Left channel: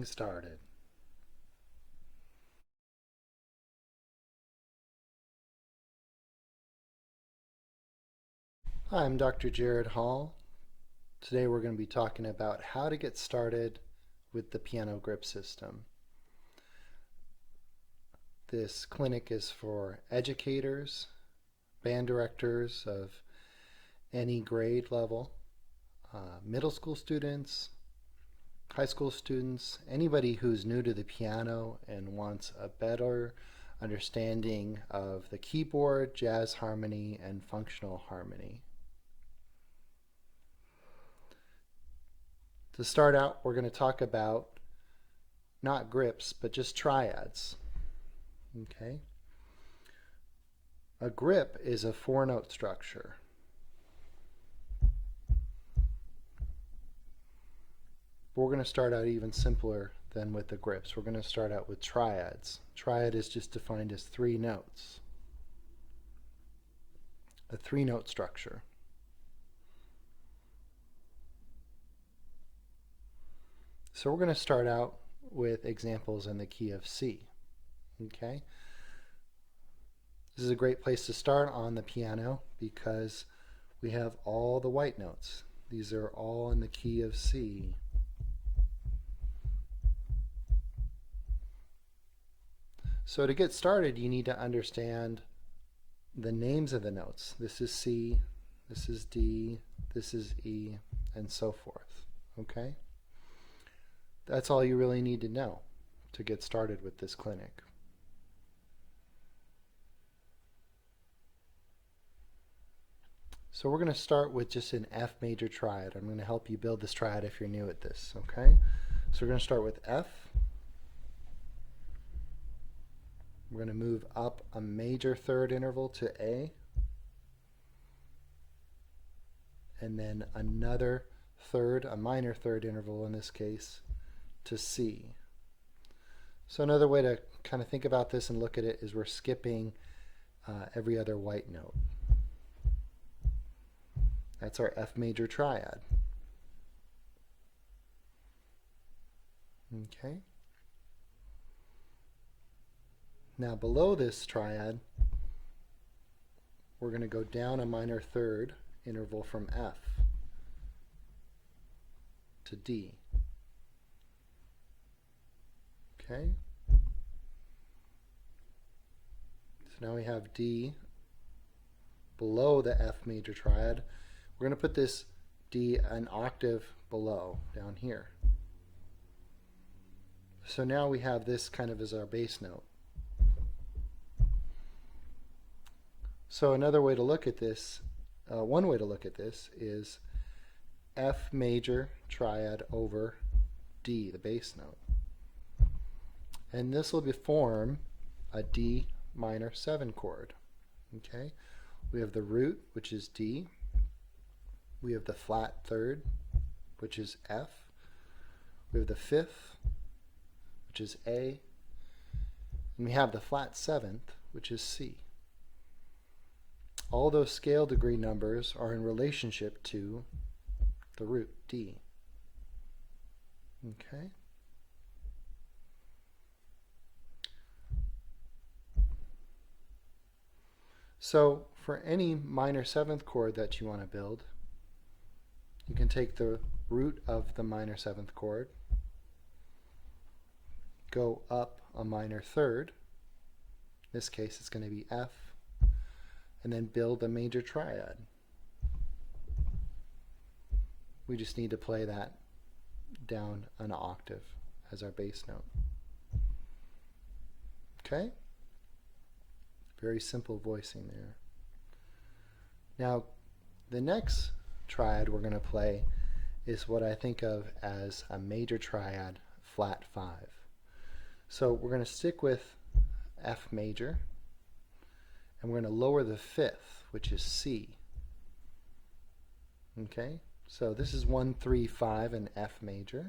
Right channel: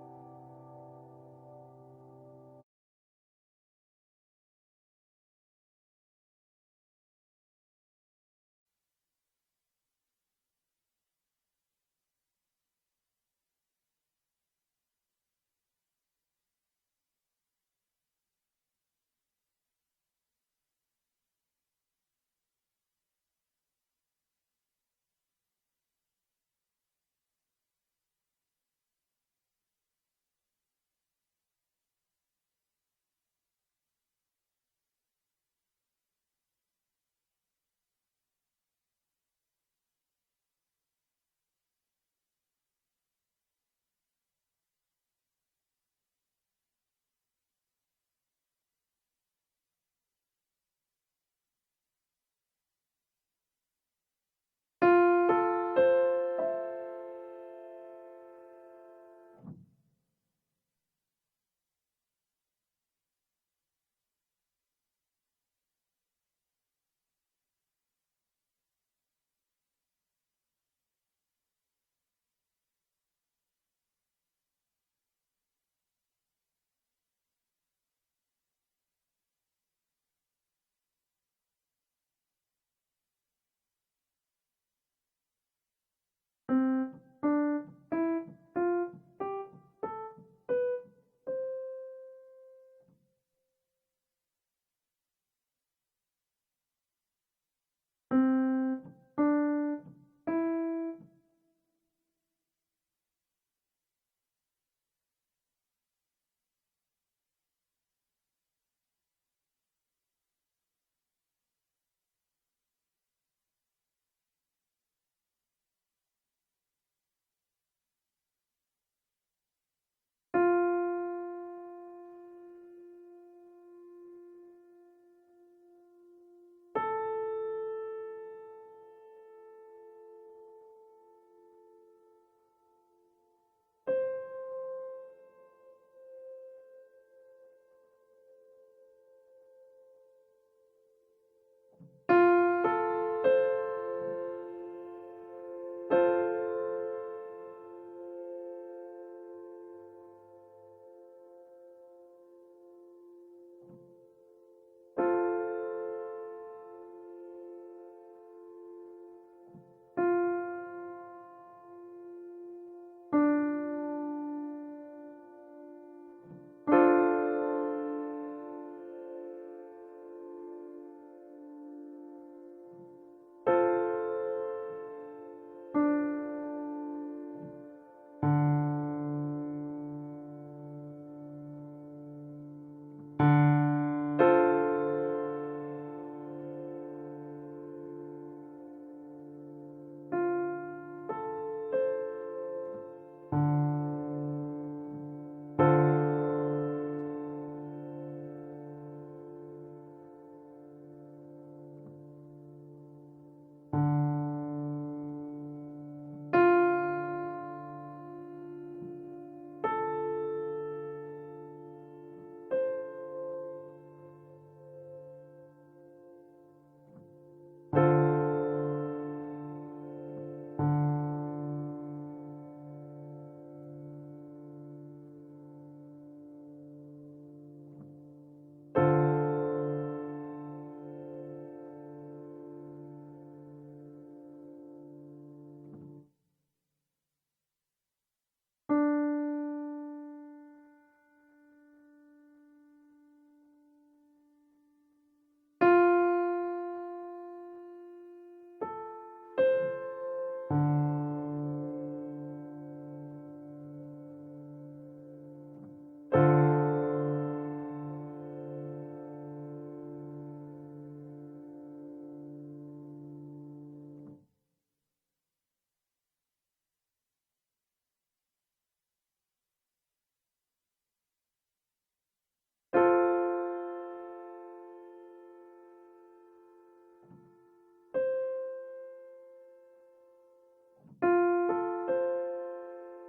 getting started. Hi, I'm Dr. Jared Hall. Today we're going to be talking about how to get started with the piano grip system. This clinic is for educators, band directors of any grade level, middle school students, high school students, anybody who's new to the piano and wants a better understanding of the keyboard, jazz harmony, and functional harmony. To start out, we're going to talk about not grips, but just triads. Okay. A grip is a 4-note structure. We're going to start out even simpler than with the grips. We're going to start out with triads. Triad is just defined as 3 notes. A 3-note structure. So we're going to start out with examples in the key of C. Okay? This is a great place to start on the piano because we have all the white notes. These are all in the key of C. So to get started, you need to understand the names of the notes. This is C, this is D, this is E, and so forth. Okay? That's all you really need to know to get started with this clinic. So we're going to start with just an F major triad. I'm going to help you build this triad if you're new at this, okay? So we're going to start with F. We're going to move up a major third interval to A. And then another third, a minor third interval in this case, to C. So another way to kind of think about this and look at it is we're skipping every other white note. That's our F major triad. Okay. Now below this triad, we're going to go down a minor third interval from F to D. Okay. So now we have D below the F major triad. We're going to put this D an octave below, down here. So now we have this kind of as our bass note. So another way to look at this, one way to look at this is F major triad over D, the bass note. And this will form a D minor 7 chord. Okay? We have the root, which is D. We have the flat third, which is F. We have the fifth, which is A. And we have the flat 7th, which is C. All those scale degree numbers are in relationship to the root D. Okay? So for any minor 7th chord that you want to build, you can take the root of the minor 7th chord, go up a minor third, in this case it's going to be F, and then build a major triad. We just need to play that down an octave as our bass note. Okay? Very simple voicing there. Now, the next triad we're going to play is what I think of as a major triad flat 5. So we're going to stick with F major, and we're going to lower the 5th, which is C. Okay, so this is 1, 3, 5 in F major.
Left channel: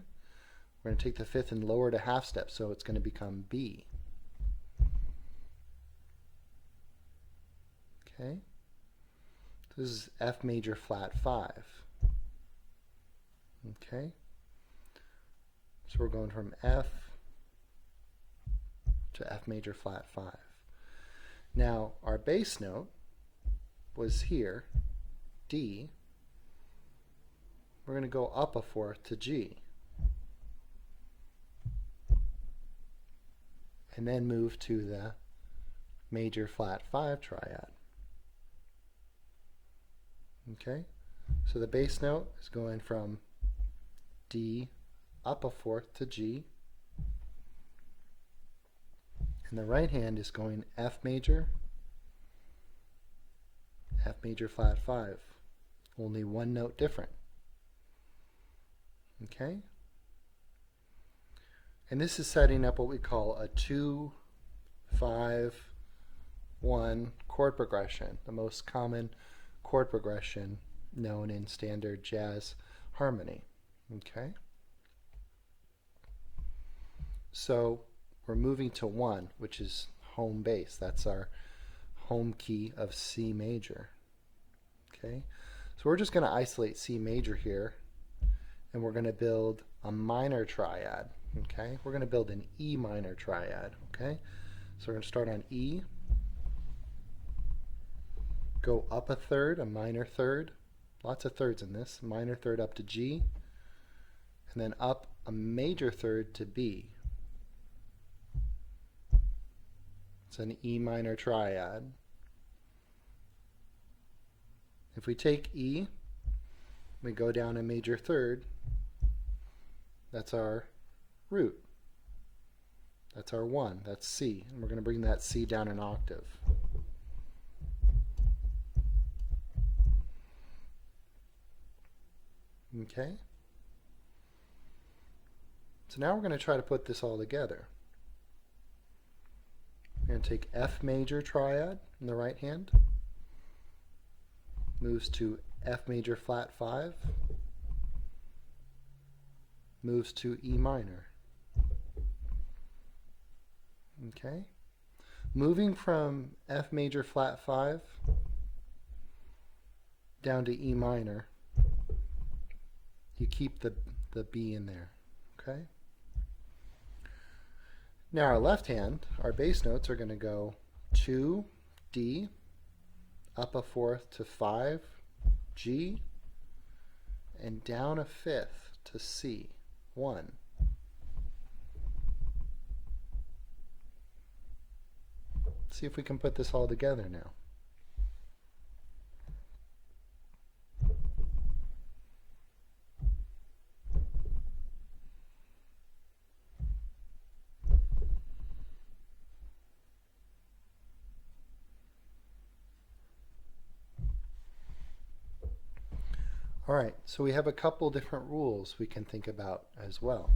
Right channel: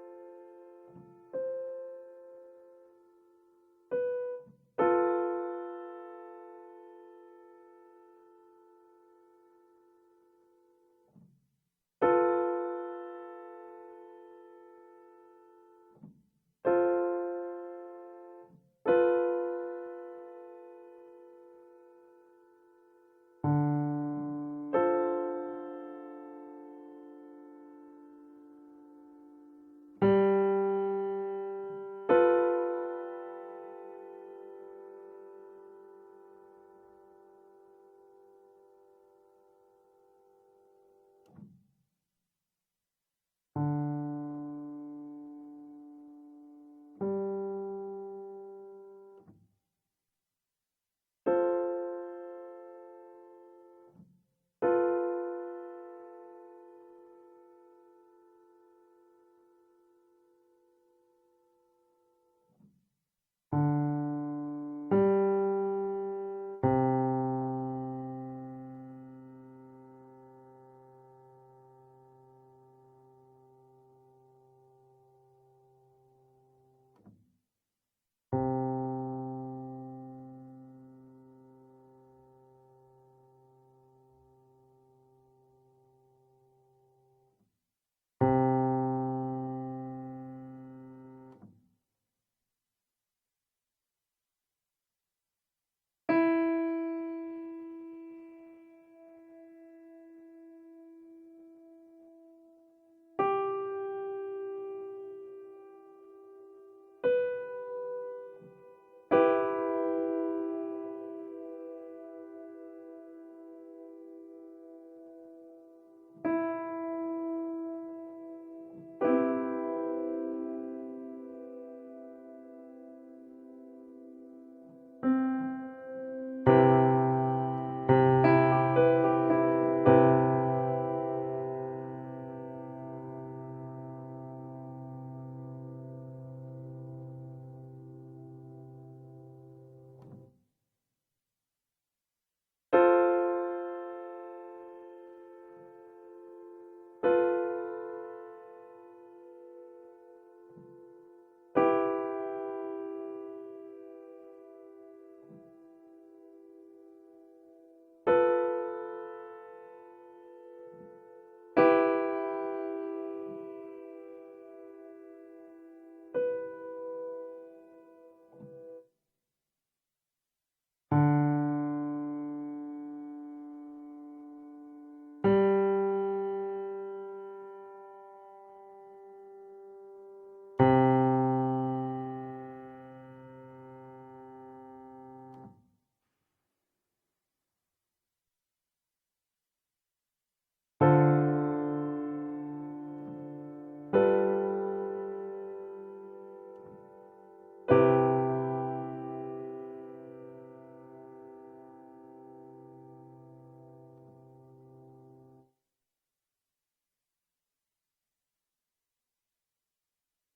We're going to take the 5th and lower it a half step, so it's going to become B. Okay, this is F major flat 5. Okay, So we're going from F to F major flat 5. Now our bass note was here, D. We're going to go up a fourth to G. And then move to the major flat 5 triad. Okay? So the bass note is going from D up a fourth to G. And the right hand is going F major flat 5. Only one note different. Okay? And this is setting up what we call a 2-5-1 chord progression, the most common chord progression known in standard jazz harmony. Okay? So we're moving to 1, which is home bass. That's our home key of C major. Okay? So we're just going to isolate C major here, and we're going to build a minor triad. Okay? We're going to build an E minor triad. Okay? So we're going to start on E, go up a third, a minor third, lots of thirds in this, minor third up to G, and then up a major third to B. It's an E minor triad. If we take E, we go down a major third, that's our root. That's our 1, that's C. And we're going to bring that C down an octave. Okay? So now we're going to try to put this all together. We're going to take F major triad in the right hand, moves to F major flat 5, moves to E minor. Okay? Moving from F major flat 5 down to E minor, you keep the B in there. Okay? Now our left hand, our bass notes are going to go 2, D, up a fourth to 5, G, and down a fifth to C, 1. See if we can put this all together now. Alright, so we have a couple different rules we can think about as well.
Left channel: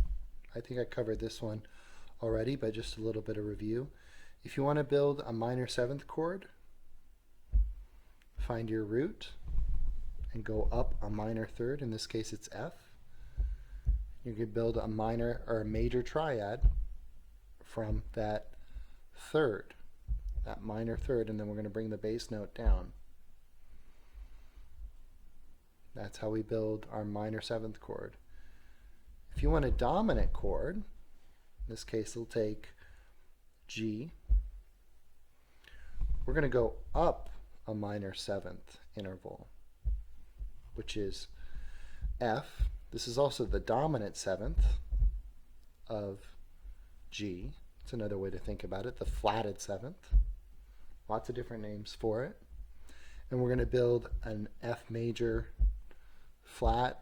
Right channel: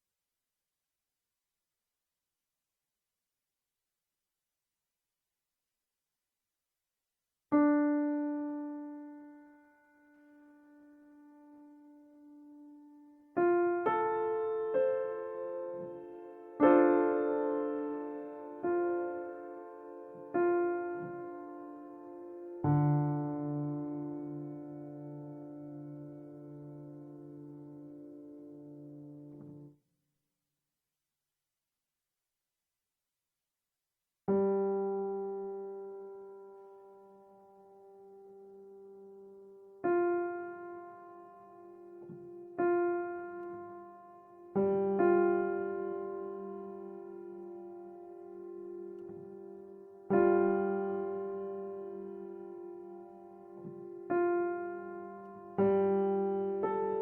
I think I covered this one already, but just a little bit of review. If you want to build a minor 7th chord, find your root and go up a minor third. In this case it's F. You could build a minor or a major triad from that third, that minor third, and then we're going to bring the bass note down. That's how we build our minor 7th chord. If you want a dominant chord, in this case it'll take G. We're going to go up a minor 7th interval, which is F. This is also the dominant 7th of G. It's another way to think about it, the flatted 7th. Lots of different names for it. And we're going to build an F major flat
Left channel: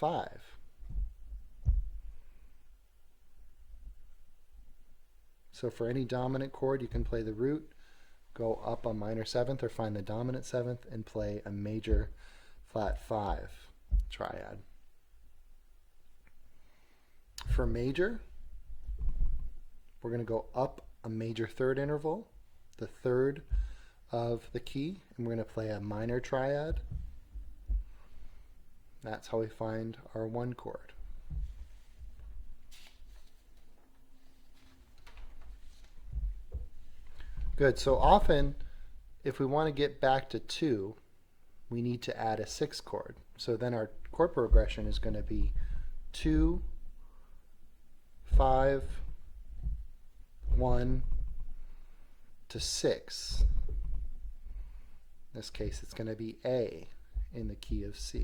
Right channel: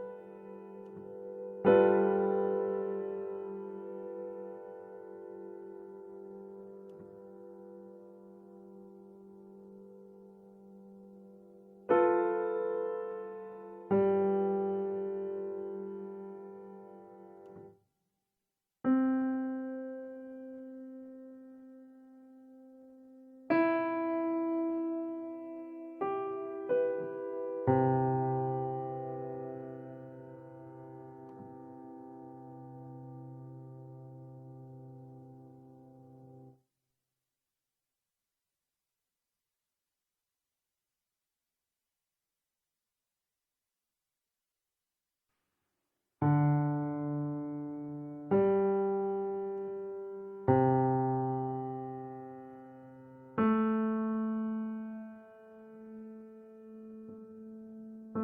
5. So for any dominant chord, you can play the root, go up a minor 7th, or find the dominant 7th and play a major flat 5 triad. For major, we're going to go up a major third interval, the third of the key, and we're going to play a minor triad. That's how we find our 1 chord. Good, so often if we want to get back to 2, we need to add a 6th chord. So then our chord progression is going to be 2, 5, 1 to 6. In this case, it's going to be A in the key of C.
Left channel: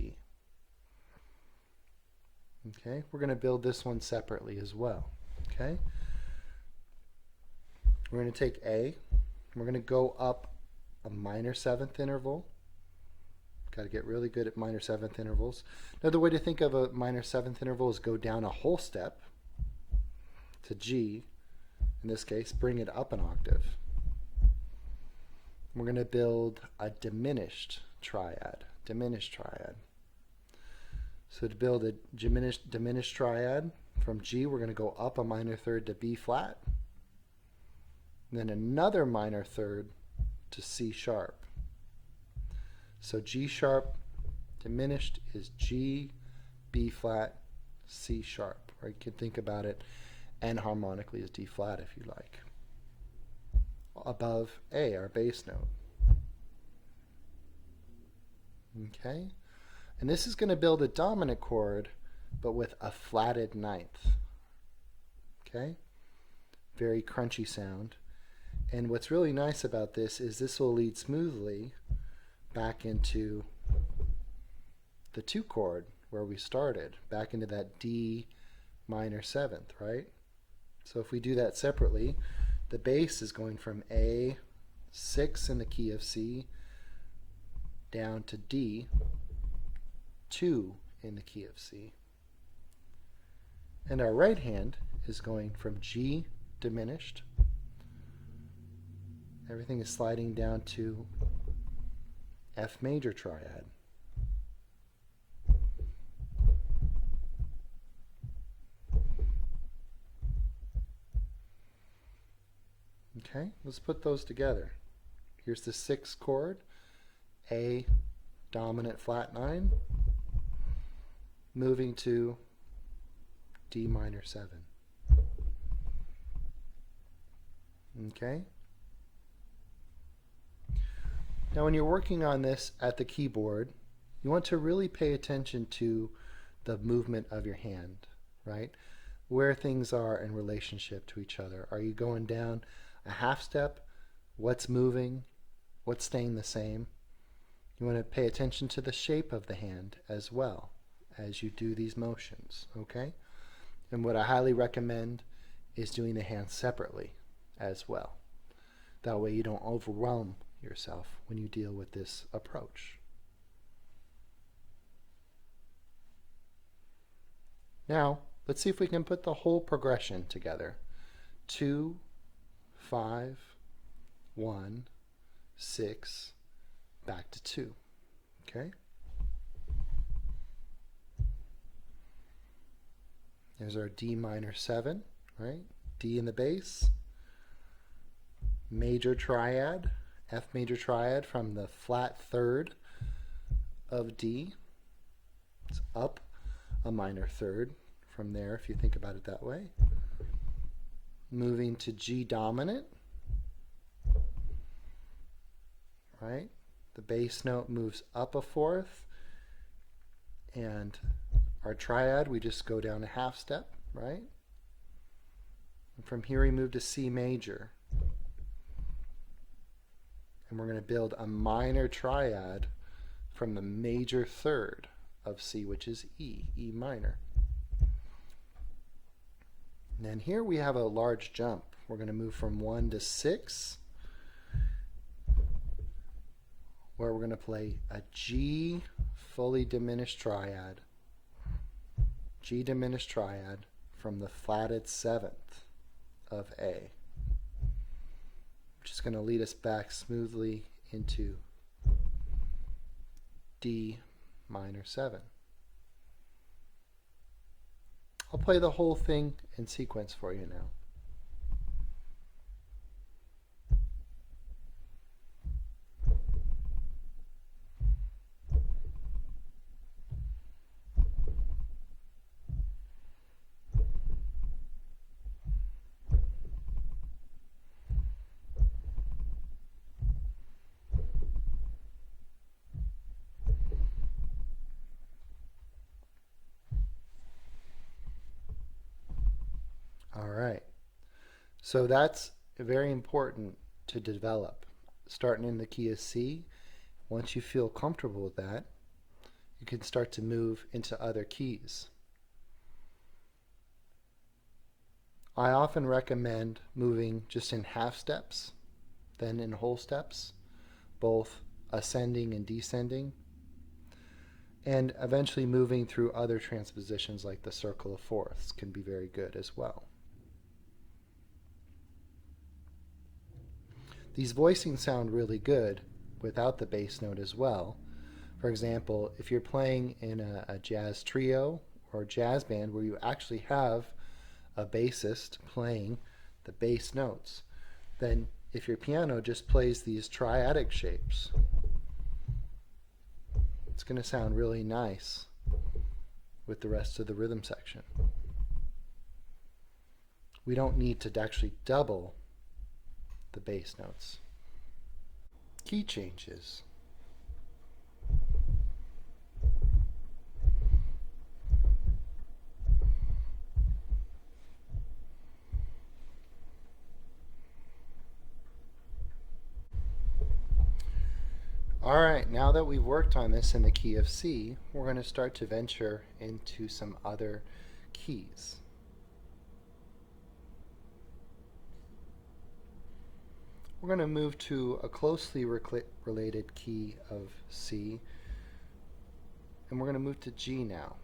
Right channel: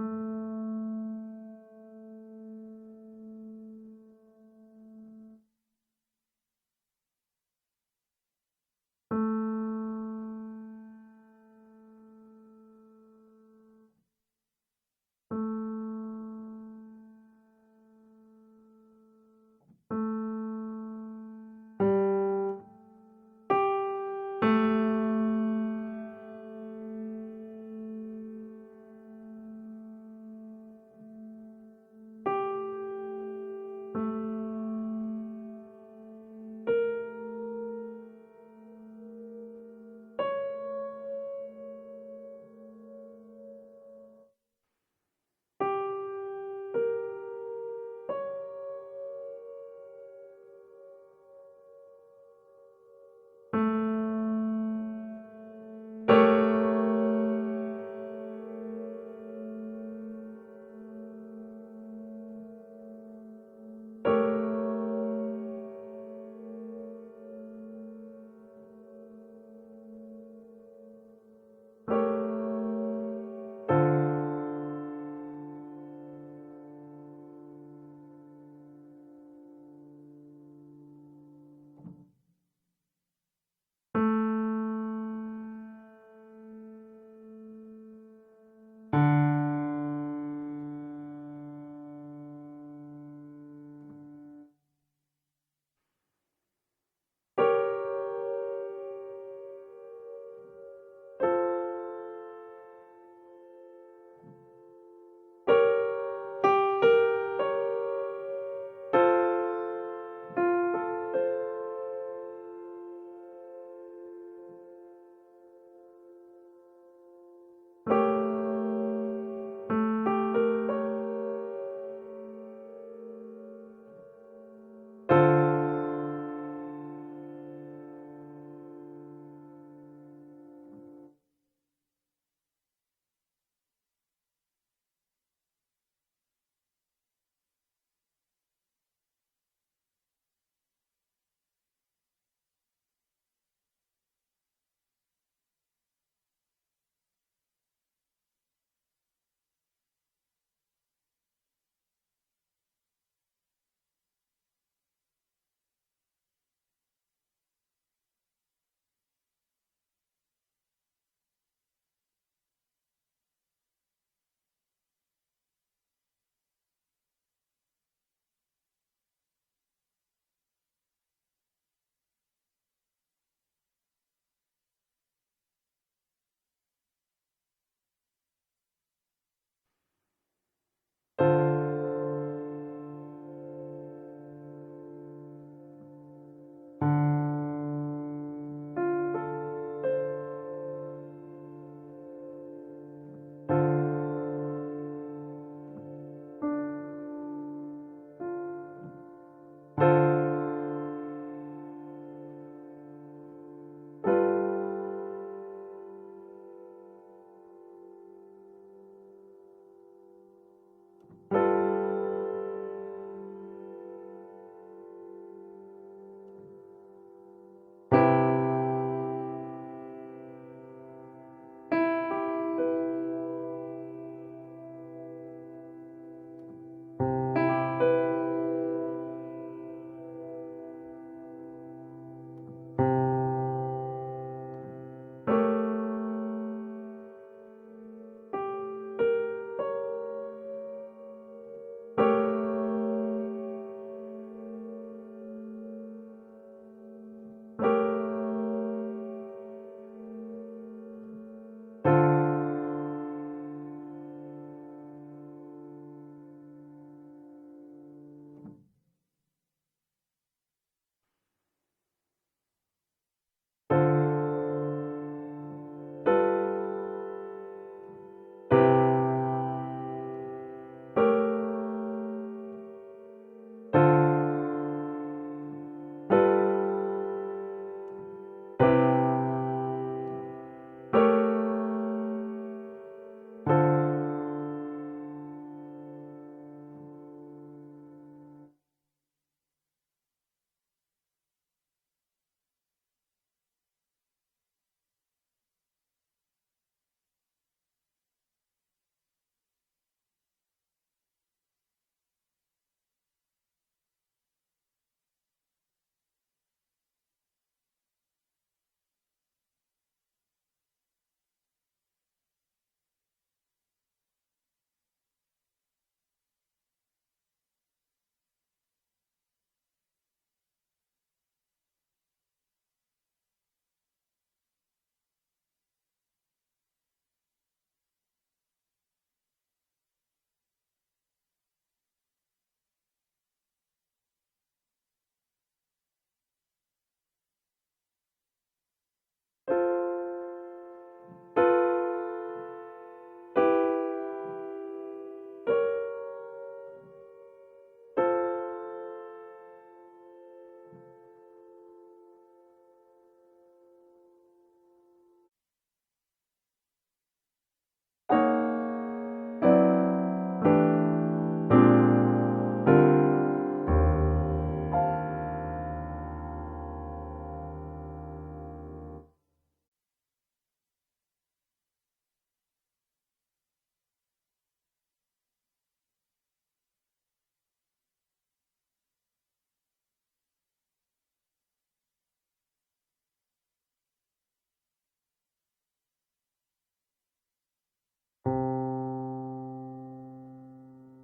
Okay, we're going to build this one separately as well. Okay, we're going to take A, we're going to go up a minor 7th interval. Got to get really good at minor 7th intervals. Another way to think of a minor 7th interval is go down a whole step to G. In this case, bring it up an octave. We're going to build a diminished triad. So to build a diminished triad, from G we're going to go up a minor 3rd to B flat, then another minor 3rd to C sharp. So G sharp diminished is G, B flat, C sharp. Or you could think about it enharmonically as D flat if you like. Above A, our bass note. Okay? And this is going to build a dominant chord, but with a flatted 9th. Okay? Very crunchy sound. And what's really nice about this is this will lead smoothly back into the 2 chord where we started, back into that D minor 7th, right? So if we do that separately, the bass is going from A6 in the key of C down to D2 in the key of C. And our right hand is going from G diminished. Everything is sliding down to F major triad. Okay, let's put those together. Here's the 6th chord, A dominant flat 9, moving to D minor 7. Okay? Now when you're working on this at the keyboard, you want to really pay attention to the movement of your hand, right? Where things are in relationship to each other. Are you going down a half step? What's moving? What's staying the same? You want to pay attention to the shape of the hand as well as you do these motions, okay? And what I highly recommend is doing the hands separately as well. That way you don't overwhelm yourself when you deal with this approach. Now, let's see if we can put the whole progression together. 2, 5, 1, 6, back to 2. Okay? There's our D minor 7, right? D in the bass. Major triad, F major triad from the flat 3rd of D. It's up a minor 3rd from there if you think about it that way. Moving to G dominant. Right? The bass note moves up a 4th. And our triad, we just go down a half step, right? And from here we move to C major. And we're going to build a minor triad from the major 3rd of C, which is E minor. And then here we have a large jump. We're going to move from 1 to 6, where we're going to play a G fully diminished triad. G diminished triad from the flatted 7th of A, which is going to lead us back smoothly into D minor 7. I'll play the whole thing in sequence for you now. So that's very important to develop. Starting in the key of C, once you feel comfortable with that, you can start to move into other keys. I often recommend moving just in half steps, then in whole steps, both ascending and descending, and eventually moving through other transpositions like the circle of fourths can be very good as well. These voicings sound really good without the bass note as well. For example, if you're playing in a jazz trio or jazz band where you actually have a bassist playing the bass notes, then if your piano just plays these triadic shapes, it's going to sound really nice with the rest of the rhythm section. We don't need to actually double the bass notes. Key changes. Alright, now that we've worked on this in the key of C, we're going to start to venture into some other keys. We're going to move to a closely related key of C, and we're going to move to G now.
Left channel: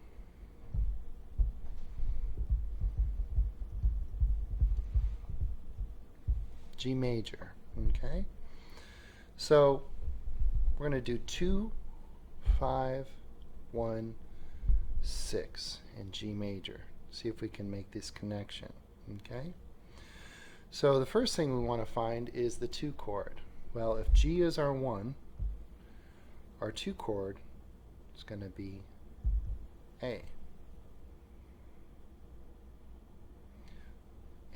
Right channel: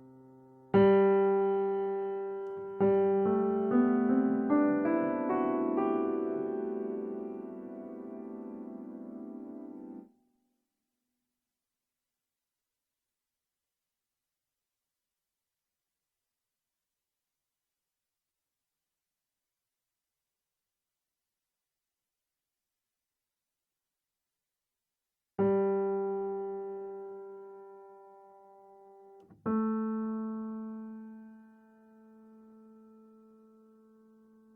G major, okay? So we're going to do 2, 5, 1, 6 in G major. See if we can make this connection, okay? So the first thing we want to find is the 2 chord. Well, if G is our 1, our 2 chord is going to be A.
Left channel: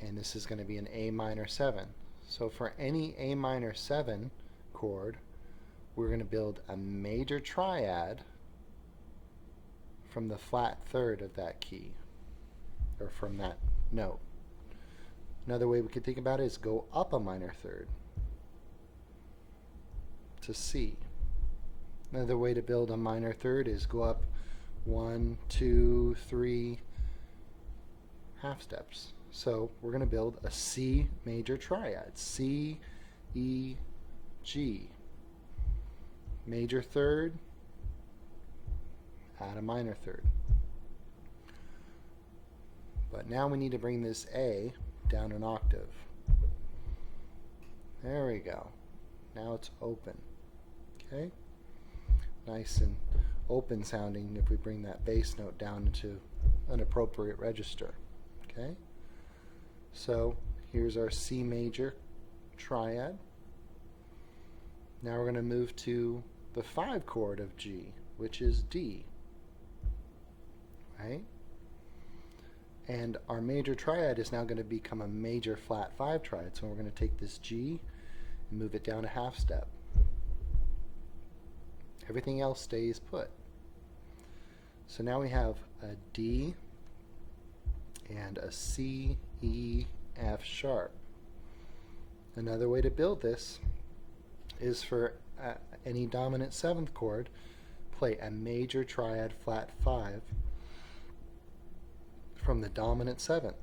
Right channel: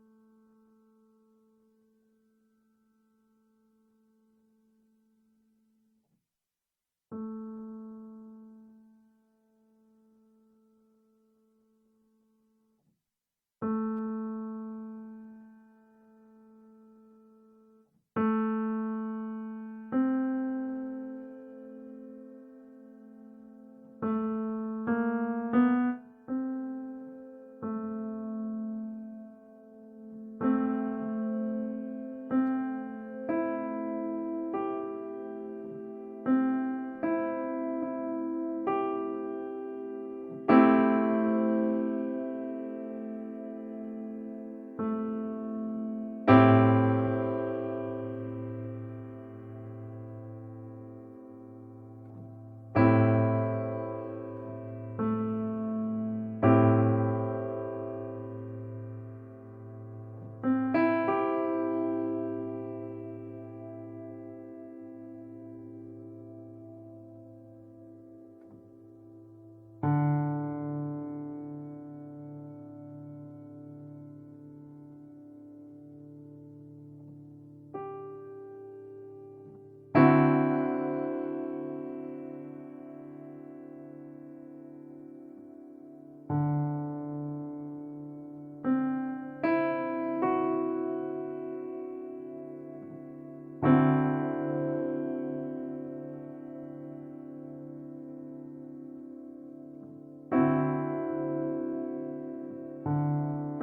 And this is going to be an A minor 7. So for any A minor 7 chord, we're going to build a major triad from the flat third of that key, or from that note. Another way we could think about it is go up a minor third to C. Another way to build a minor third is go up 1, 2, 3 half steps. So we're going to build a C major triad. C, E, G. Major third, add a minor third. But now we need to bring this A down an octave. There we go. Now it's open. Okay? Nice and open sounding if we bring that bass note down to an appropriate register. Okay? So here's our C major triad. Now we're going to move to the 5 chord of G, which is D. Right? And our major triad is now going to become a major flat 5 triad. So we're going to take this G and move it down a half step. Everything else stays put. So now we have a D and a C, E, F sharp. Another way to build this is for any dominant 7th chord, play a major triad flat 5 from the dominant 7th.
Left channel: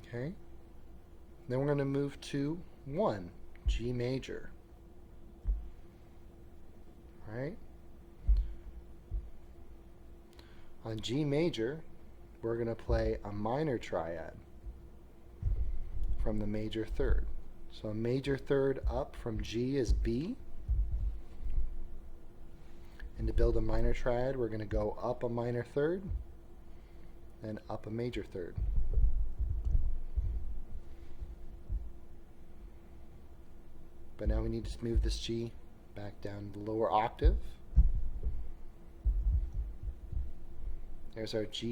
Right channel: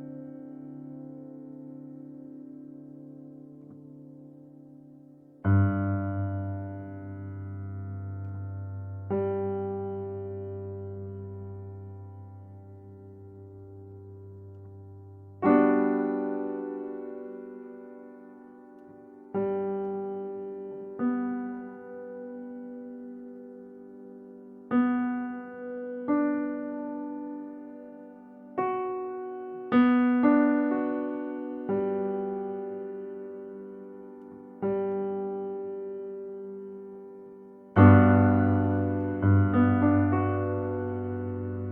Okay? Then we're going to move to 1, G major. Alright? On G major, we're going to play a minor triad from the major third. So a major third up from G is B. And to build a minor triad, we're going to go up a minor third, then up a major third. But now we need to move this G back down to the lower octave. There's our G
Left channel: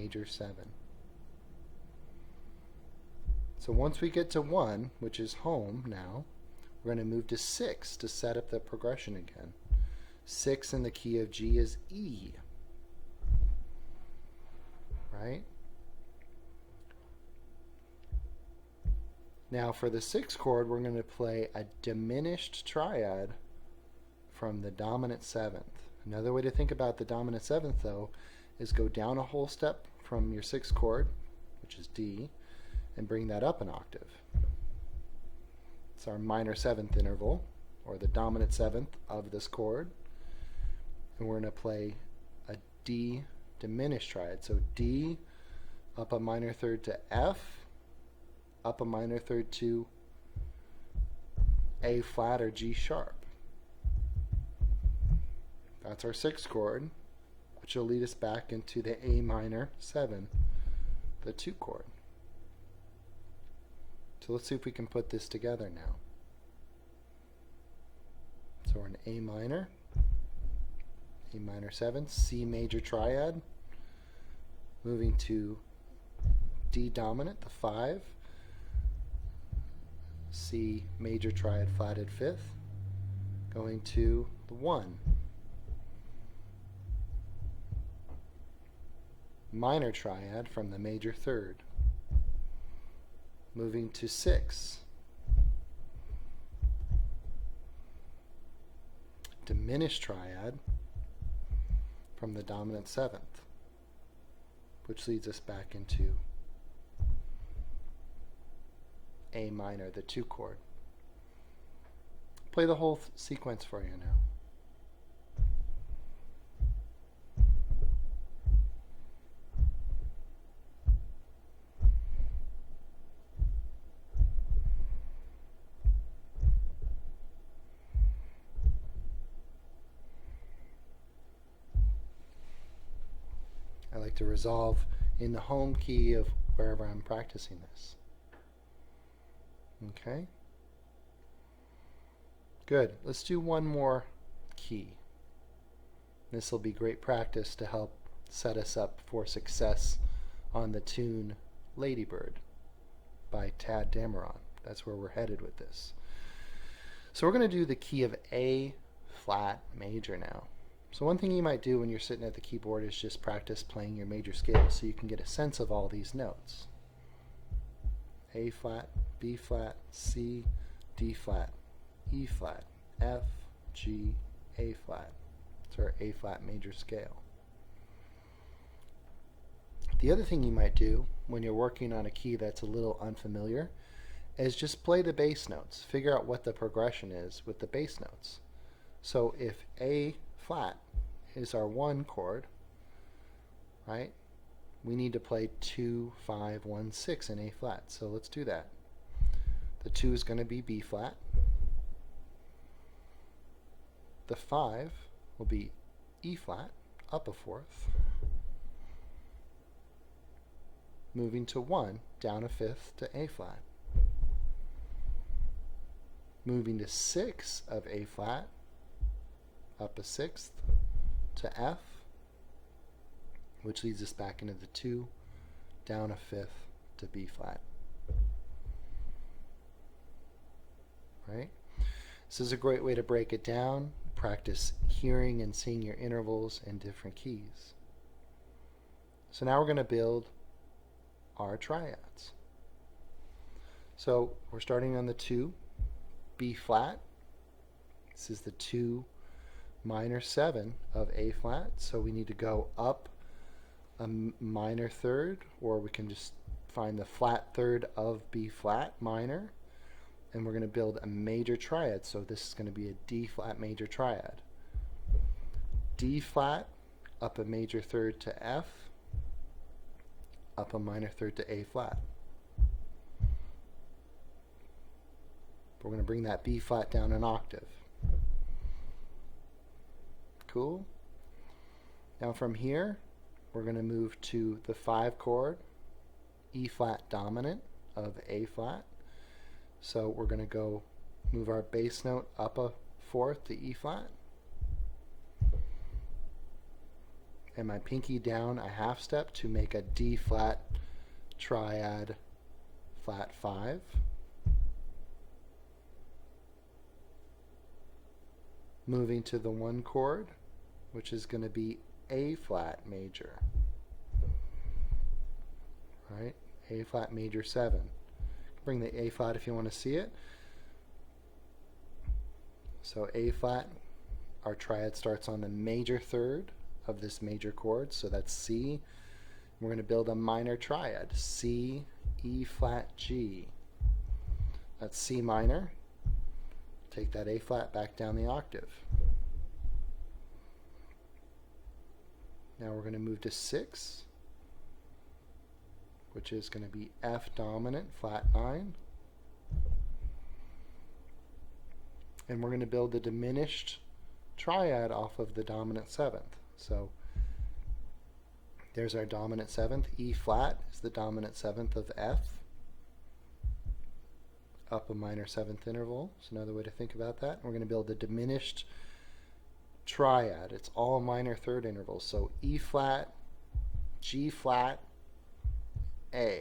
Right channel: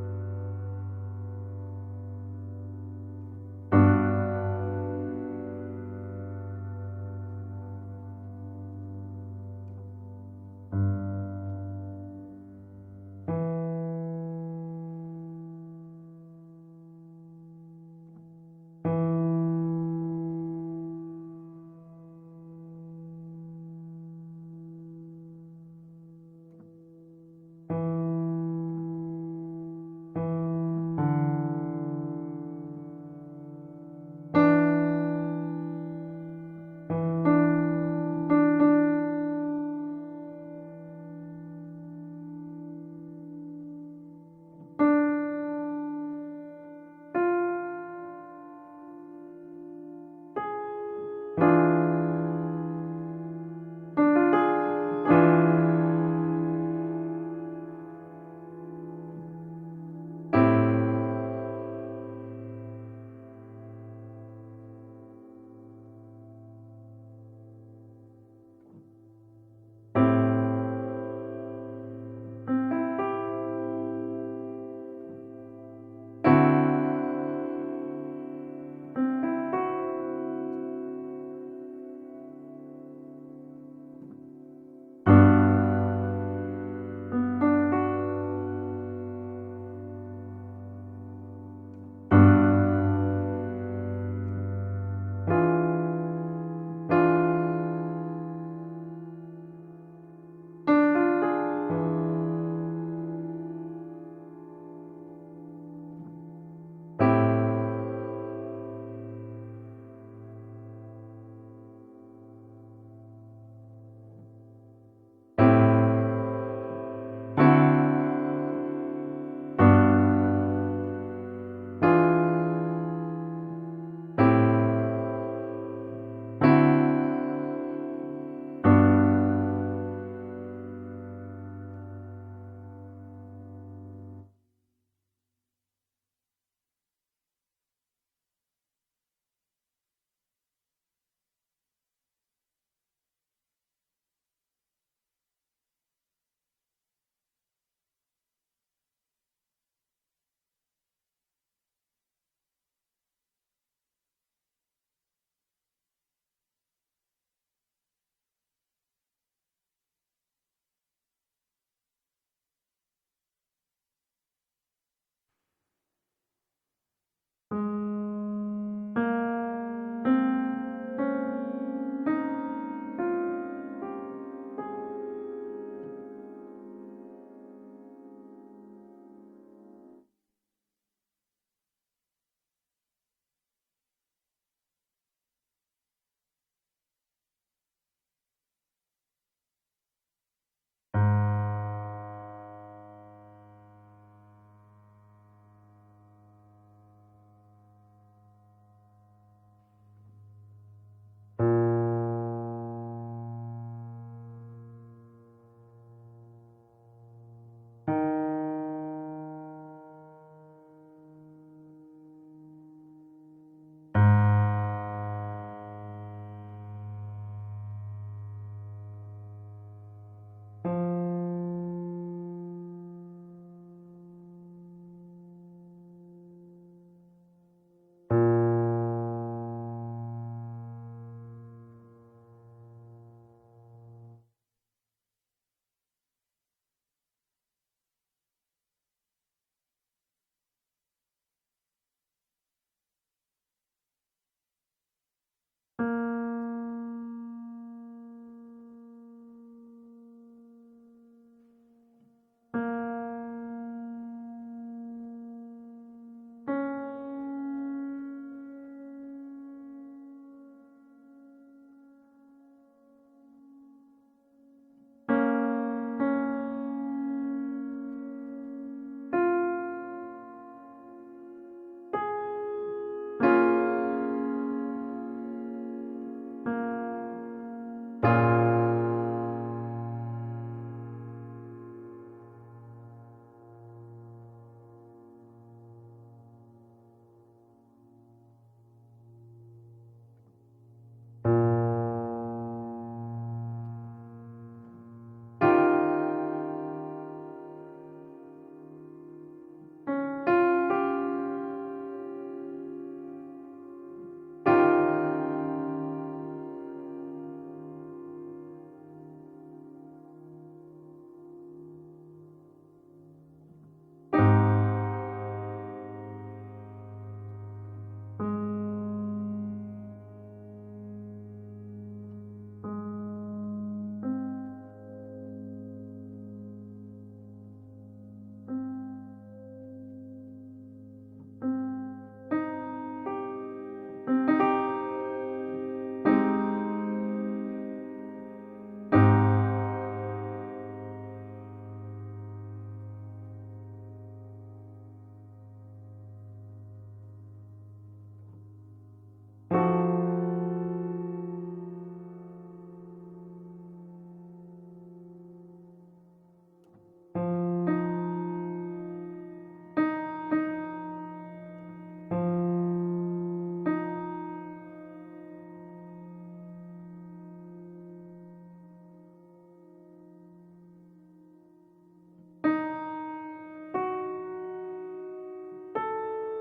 major 7. So once we get to 1, which is home now, we're going to move to 6 to set up the progression again. 6 in the key of G is E. Right? for the 6th chord, we're going to play a diminished triad from the dominant 7th. Another way to think about the dominant 7th, though, is go down a whole step from your 6th chord, which is D, and bring that up an octave. It's our minor 7th interval, or the dominant 7th of this chord. And we're going to play a D diminished triad. So D, up a minor 3rd to F, up a minor 3rd to A flat or G sharp. That's our 6th chord, which will lead us back into the A minor 7, the 2 chord. So let's see if we can put this together now. So we're in A minor 7, C major triad, moving to D dominant, the 5, C major triad flatted 5th, going to the 1. Minor triad from the major 3rd, moving to 6. Diminished triad from the dominant 7th, which leads us back into A minor, the 2 chord. Play the whole sequence for you now. To resolve in the home key of wherever I'm practicing this. Okay? Good. Let's do one more key. This will be great practice to help set us up for success on the tune Ladybird by Tad Dameron. That's where we're headed with this. So we're going to do the key of A flat major now. So one thing you might do when you're sitting at the keyboard is just practice playing your major scales so you can get a sense of all these notes. A flat, B flat, C, D flat, E flat, F, G, A flat. It's our A flat major scale. The other thing you might do when you're working on a key that's a little unfamiliar is just play the bass notes. Figure out what the progression is with the bass notes. So if A flat is our 1 chord, right? We need to play 2, 5, 1, 6 in A flat. So let's do that. The 2 is going to be B flat. The 5 will be E flat, up a 4th. Moving to 1, down a 5th to A flat. Moving to 6 of A flat, up a 6th to F, which leads us back into the 2, down a 5th to B flat. Right? This is a great way to break it down, practice hearing and seeing your intervals in different keys. So now we're going to build our triads. So we're starting on the 2, B flat. This is the 2 minor 7 of A flat, so we need to go up a minor 3rd, or we can just find the flat 3rd of B flat minor, and we're going to build a major triad. So this is going to be a D flat major triad. D flat, up a major 3rd to F, up a minor 3rd to A flat. We're going to bring that B flat down an octave. Cool. Now from here, we're going to move to the 5 chord, E flat dominant of A flat. So we're going to go move our bass note up a 4th to E flat. And my pinky down a half step to make a D flat triad flat 5. Moving to the 1 chord, which is going to be A flat major. Alright, A flat major 7. Bring the A flat if you want to see it. So A flat, our triad starts on the major third of this major chord, so that's C. We're going to build a minor triad, C, E flat, G. That's C minor. Take that A flat back down the octave. Now we're going to move to 6, which is going to be F dominant, flat 9. And we're going to build the diminished triad off of the dominant 7th. So there's our dominant 7th. E flat is the dominant 7th of F, up a minor 7th interval. It's another way to think about that. We're going to build a diminished triad. It's all minor third intervals. So E flat, G flat, A.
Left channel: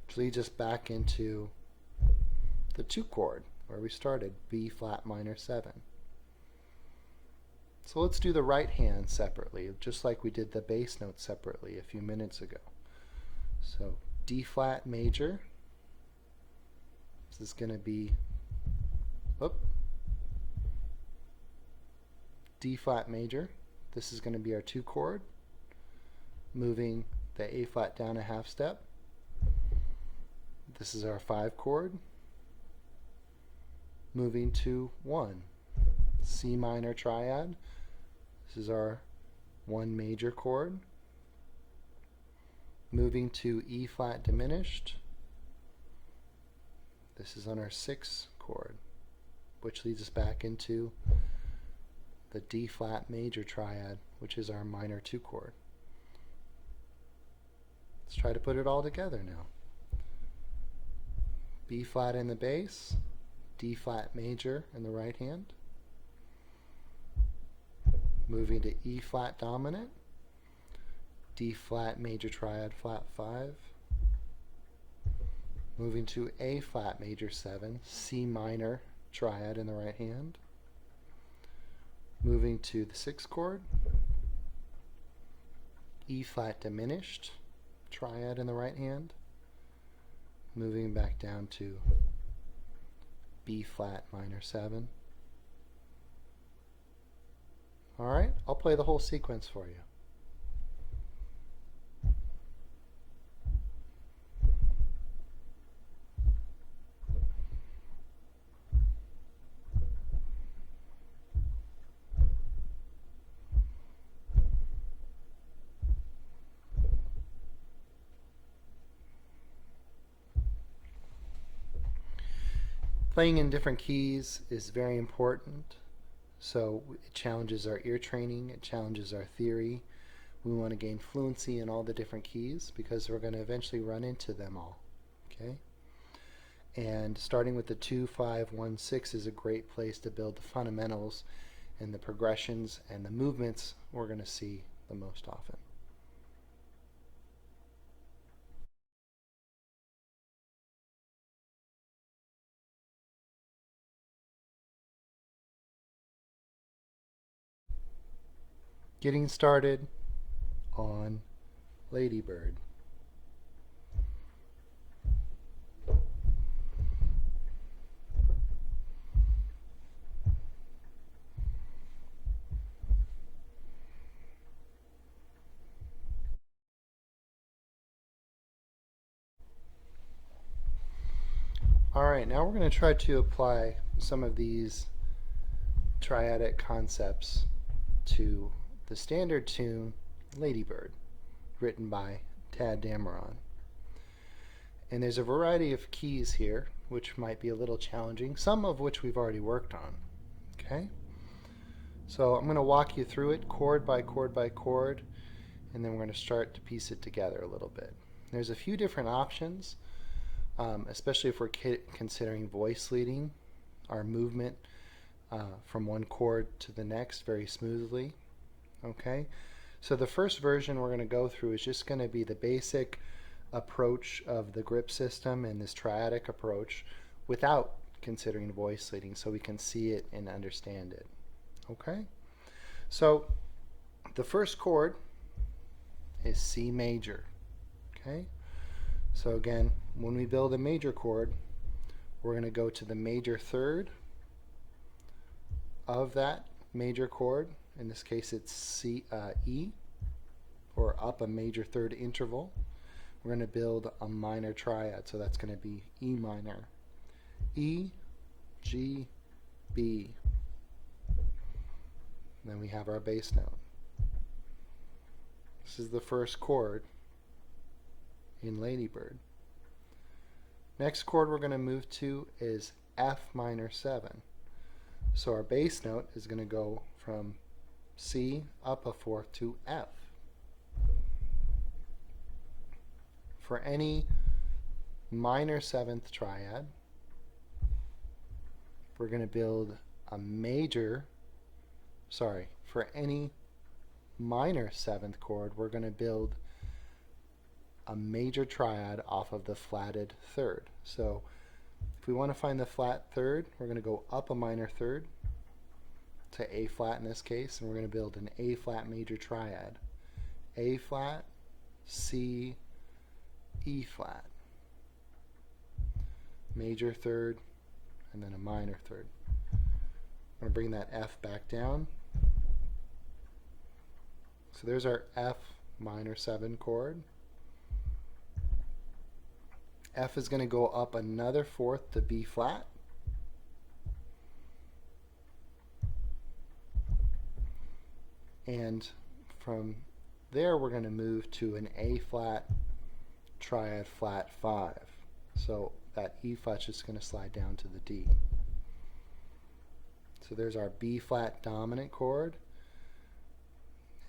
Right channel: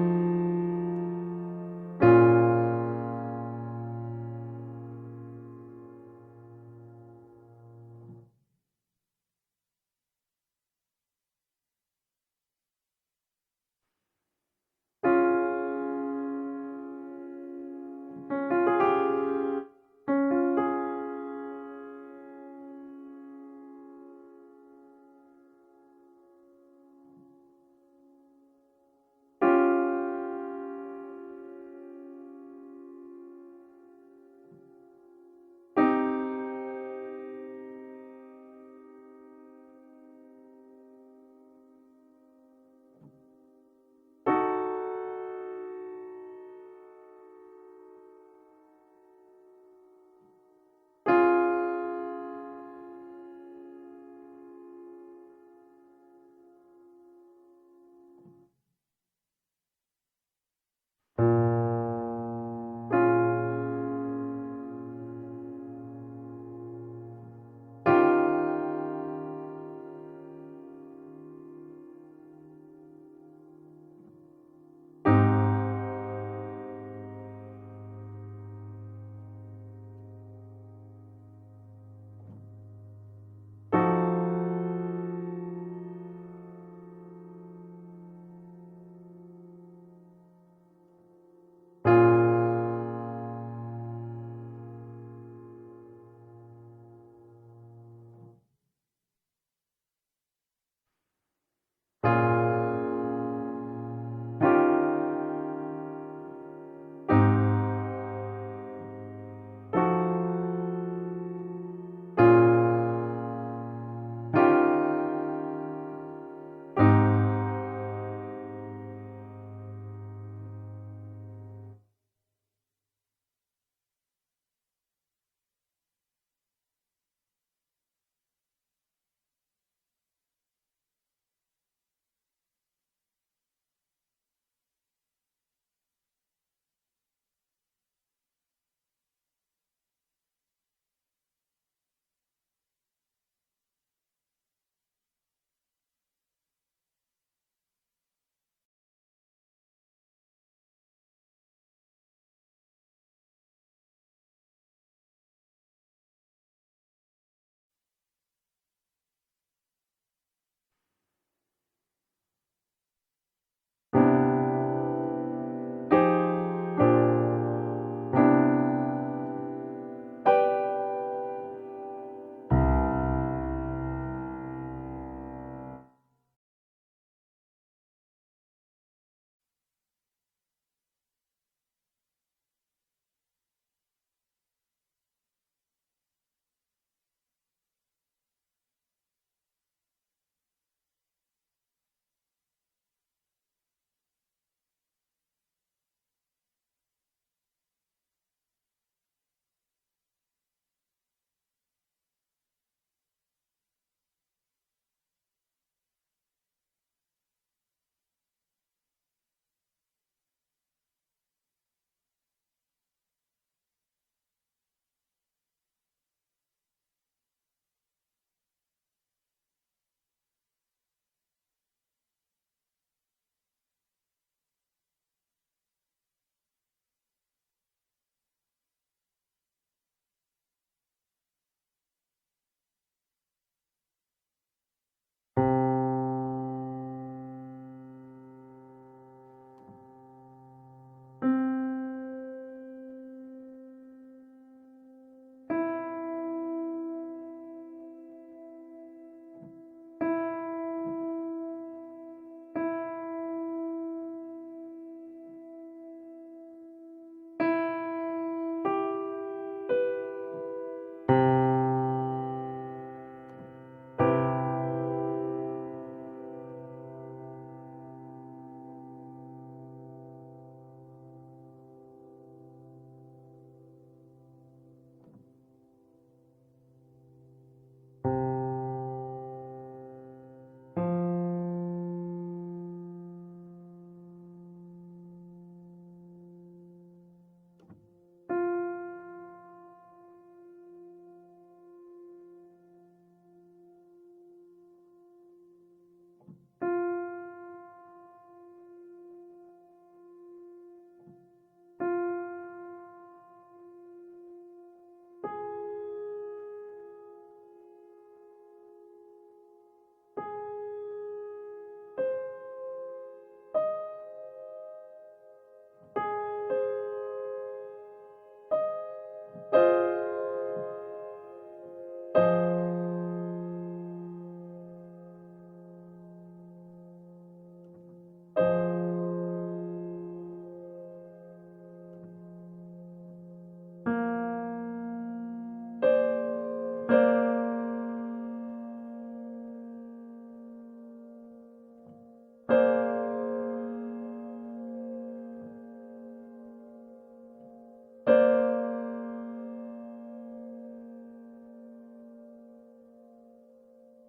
Which leads us back into the 2 chord where we started, B flat minor 7. So let's do the right hand separately, just like we did the bass note separately a few minutes ago. So D flat major. This is going to be D flat major. This is going to be our 2 chord. Moving the A flat down a half step. This is our 5 chord. Moving to 1. C minor triad. This is our 1 major chord. Moving to E flat diminished. This is on our 6 chord, which leads us back into the D flat major triad, which is our minor 2 chord. Let's try to put it all together now. B flat in the bass, D flat major in the right hand. Moving to E flat dominant, D flat major triad flat 5. Moving to A flat major 7, C minor triad in the right hand. Moving to the 6th chord, E flat diminished triad in the right hand. Moving back down to B flat minor 7. Alright, I'll play the whole sequence for you. Playing in different keys is very important, so it challenges our ear training, it challenges our theory. We want to gain fluency in all the different keys because we're going to eventually run into them all. Okay? And starting with the 2, 5, 1, 6 is a great place to build the fundamentals and the progressions and the movements we're going to see the most often. Getting started on Ladybird. Alright, now we're going to try to apply some of these triadic concepts to the standard tune Ladybird, written by Tad Dameron. And there's a variety of keys here which might be a little challenging, some of which we've already worked on. Okay? So I'm going to walk you through it chord by chord by chord, and then we're going to start to piece it together a little bit. There's a few different options, especially if we're considering voice leading, our movement from one chord to the next very smoothly. Okay, so the first version we're going to go through is just going to be the basic approach of the grip system and this triadic approach without considering voice leading, so we can see it and understand it. Okay, so The first chord is C major. Okay? So again, when we build a major chord, we're going to go to the major third of that major chord. In this case, it's E, or up a major third interval. We're going to build a minor triad, so that's going to be E minor. E, G, B. And then we have our bass note. This is the first chord in Ladybird. Next chord we're going to move to is F minor 7. So our bass note is going to go from C up a fourth to F. For any minor 7th triad, we're going to build a major, for any minor 7th chord, we're going to build a major triad off of the flatted third. So if we want to find the flat third, we're going to go up a minor third to A flat in this case, and we're going to build an A flat major triad. A flat, C, E flat, major third, and then a minor third. We're going to bring that F back down. So there's our F minor 7 chord. F is going to go up another fourth to B flat. And from there we're going to move to an A flat triad flat 5. So that E flat's just going to slide down to the D. So there's our B flat dominant chord.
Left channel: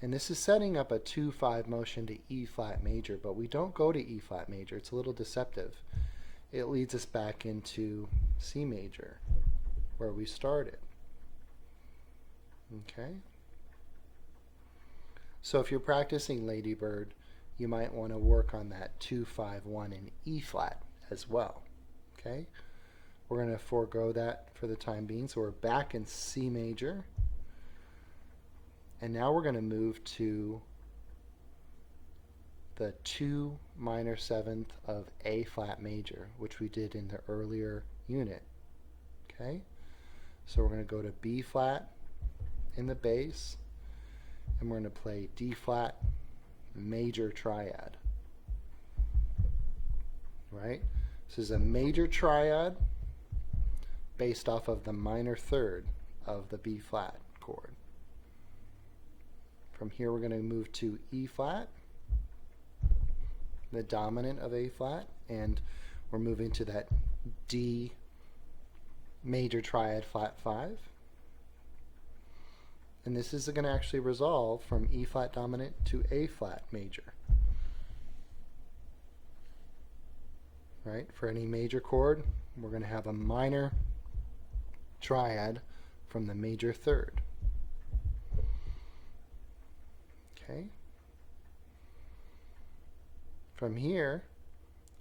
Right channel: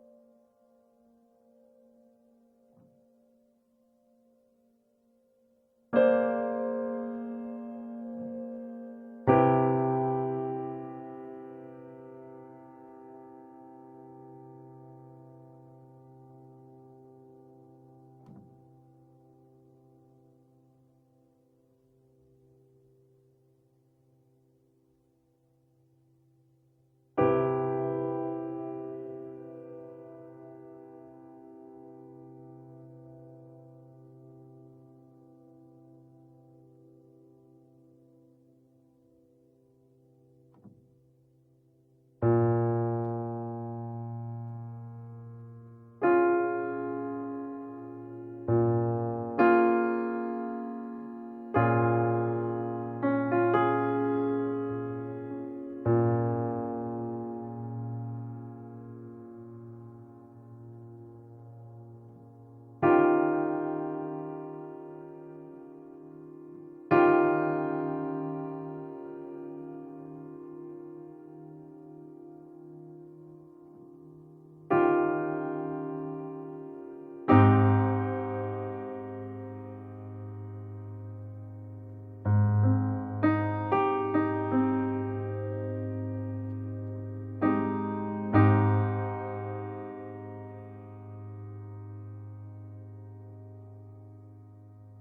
And this is setting up a 2-5 motion to E flat major, but we don't go to E flat major. It's a little deceptive. It leads us back into C major, where we started. Okay? So if you're practicing Ladybird, you might want to work on that 2-5-1 in E flat as well. Okay? We're going to forego that for the time being, so we're back in C major. And now we're going to move to the 2 minor 7th of A flat major, which we did in the earlier unit. Okay? So we're going to go to B flat in the bass, and we're going to play D flat major triad. Right? This is a major triad based off of the minor third of the B flat. From here we're going to move to E flat, the dominant of A flat, and we're moving to that D major triad flat 5. And this is going to actually resolve from E flat dominant to A flat major. Right? For any major chord, we're going to have a minor triad from the major third. From here,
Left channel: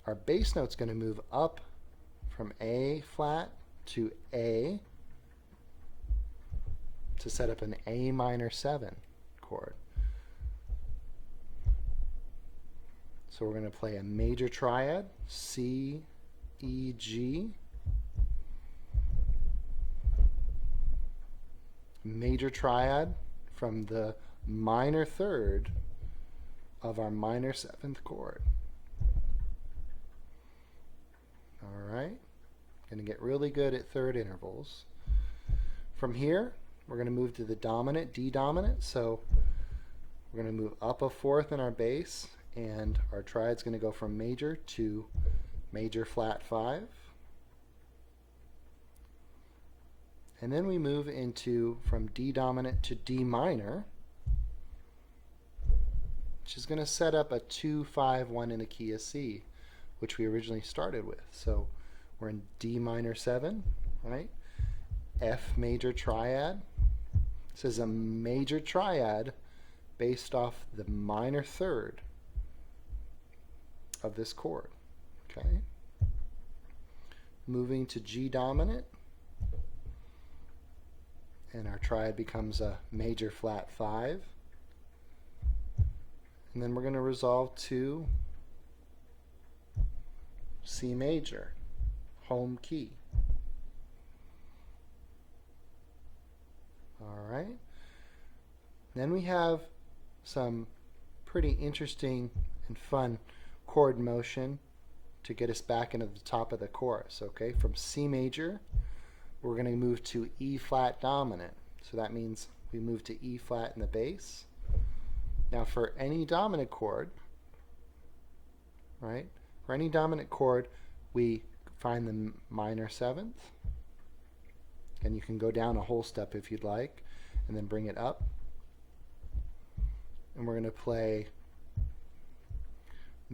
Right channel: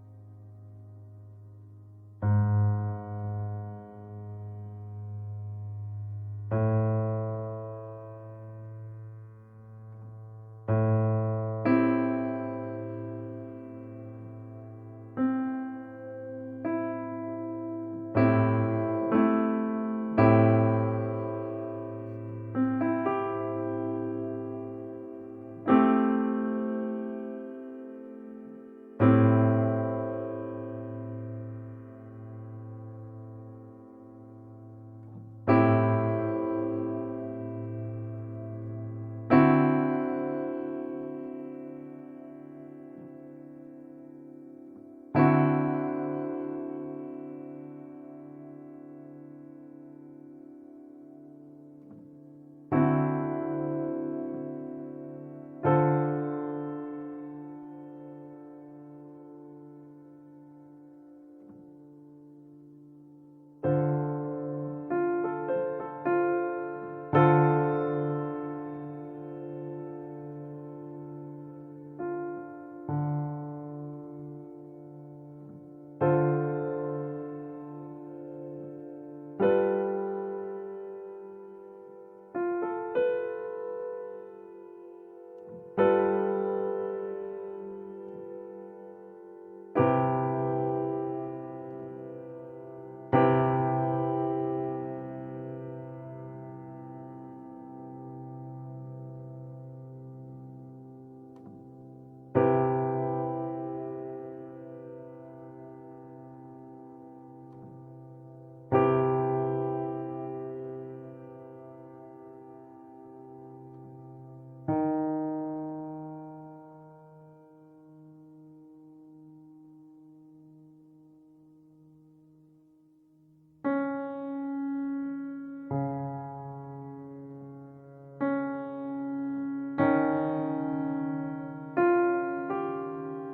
our bass note's going to move up from A flat to A to set up an A minor 7 chord. So we're going to play a major triad, C, E, G, major triad from the minor third of our minor 7th chord. Get really good at third intervals. From here, we're going to move to the dominant, D dominant. So we're going to move up a fourth in our bass, and our triad's going to go from major to major flat 5. And then we move into from D dominant to D minor, which is going to set up a 2-5-1 in a key of C, which we originally started with. So we're in D minor 7, right? F major triad. This is a major triad based off the minor third of this chord. Okay. Moving to G dominant, and our triad becomes a major flat 5. resolve to C major, home key. Alright. Then we have some pretty interesting and fun chord motion to get us back into the top of the chorus. Okay, from C major, we're going to move to E flat dominant. So that means we move to E flat in the bass. Now for any dominant chord, right? For any dominant chord, we find the minor seventh, and you can go down a whole step if you'd like, and then bring it up. And we're going to play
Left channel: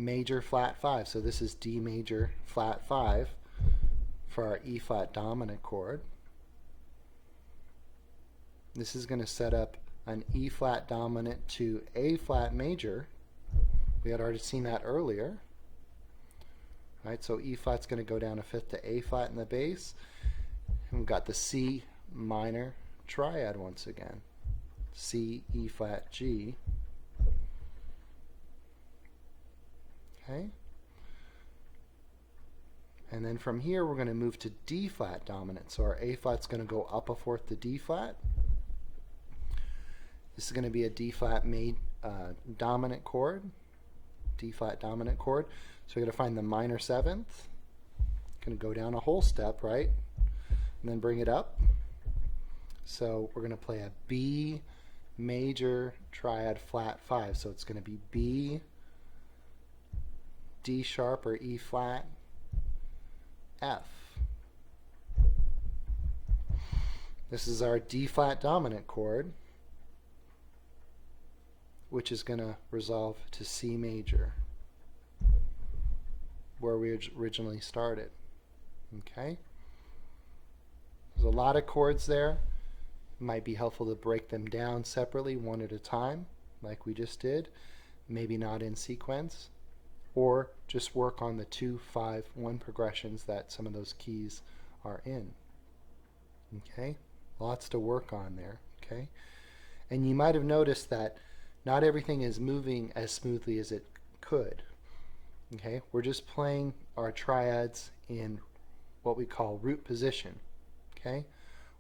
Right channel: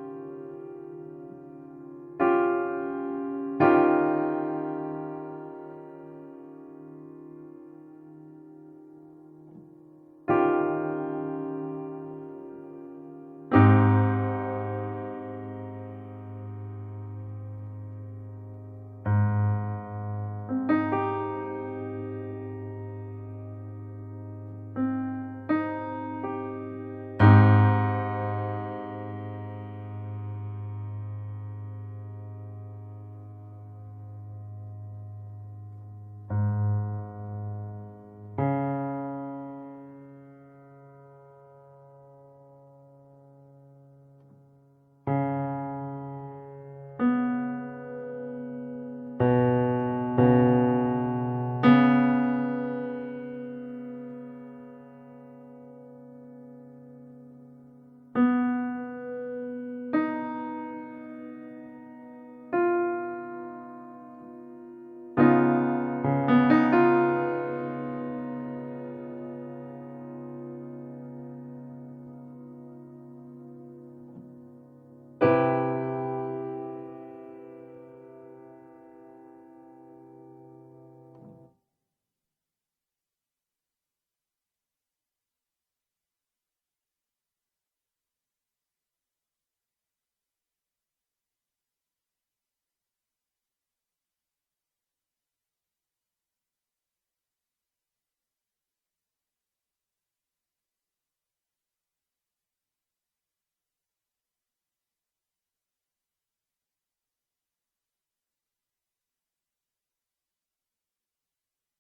major flat 5. So this is D major flat 5 for our E flat dominant chord. This is going to set up an E flat dominant to A flat major. We had already seen that earlier. Right, so E flat's going to go down a fifth to A flat in the bass. We've got the C minor triad once again. C, E flat, G. Okay. And then from here we're going to move to D flat dominant. So our A flat's going to go up a fourth to D flat. This is going to be a D flat dominant chord. D flat dominant chord. So we're going to find the minor seventh. Going to go down a whole step, right? And then bring it up. So we're going to play a B major triad flat 5. So it's going to be B, D sharp or E flat, F. This is our D flat dominant chord, which is going to resolve to C major, where we originally started. Okay? There's a lot of chords there. It might be helpful to break them down separately, one at a time, like we just did. Maybe not in sequence. Or just work on the 2, 5, 1 progressions that some of those keys are in. Okay? Lots to work on there. Okay? And you might have noticed that not everything is moving as smoothly as it could. Okay, we're just playing our triads in what we call root position. Okay,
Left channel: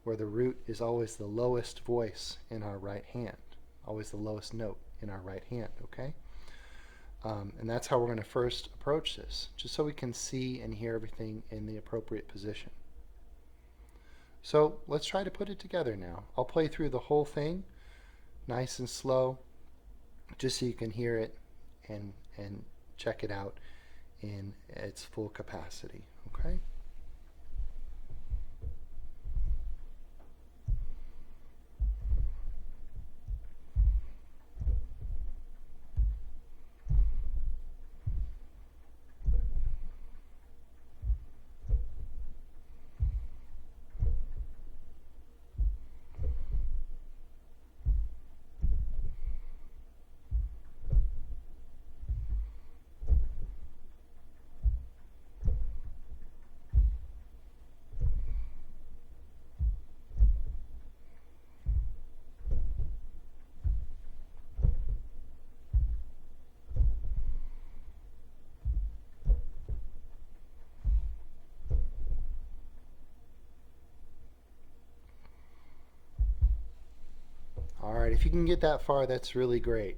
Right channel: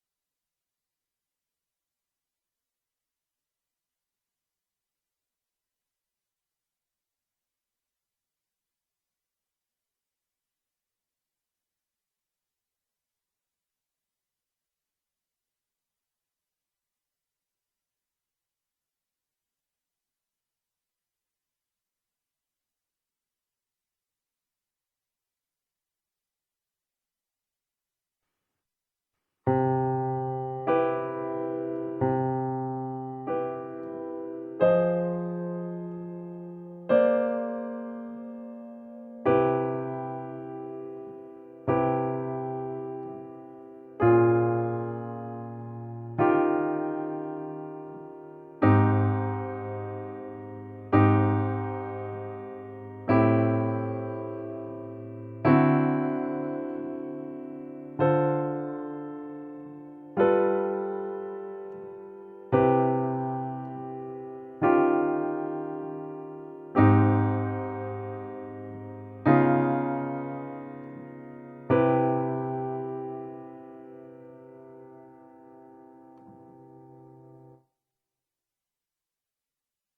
where the root is always the lowest voice in our right hand, always the lowest note in our right hand. Okay, and that's how we're going to first approach this, just so we can see and hear everything in the appropriate position. So let's try to put it together now. I'll play through the whole thing, nice and slow, just so you can hear it and check it out in its full capacity. Okay? If you can get that far, that's really great.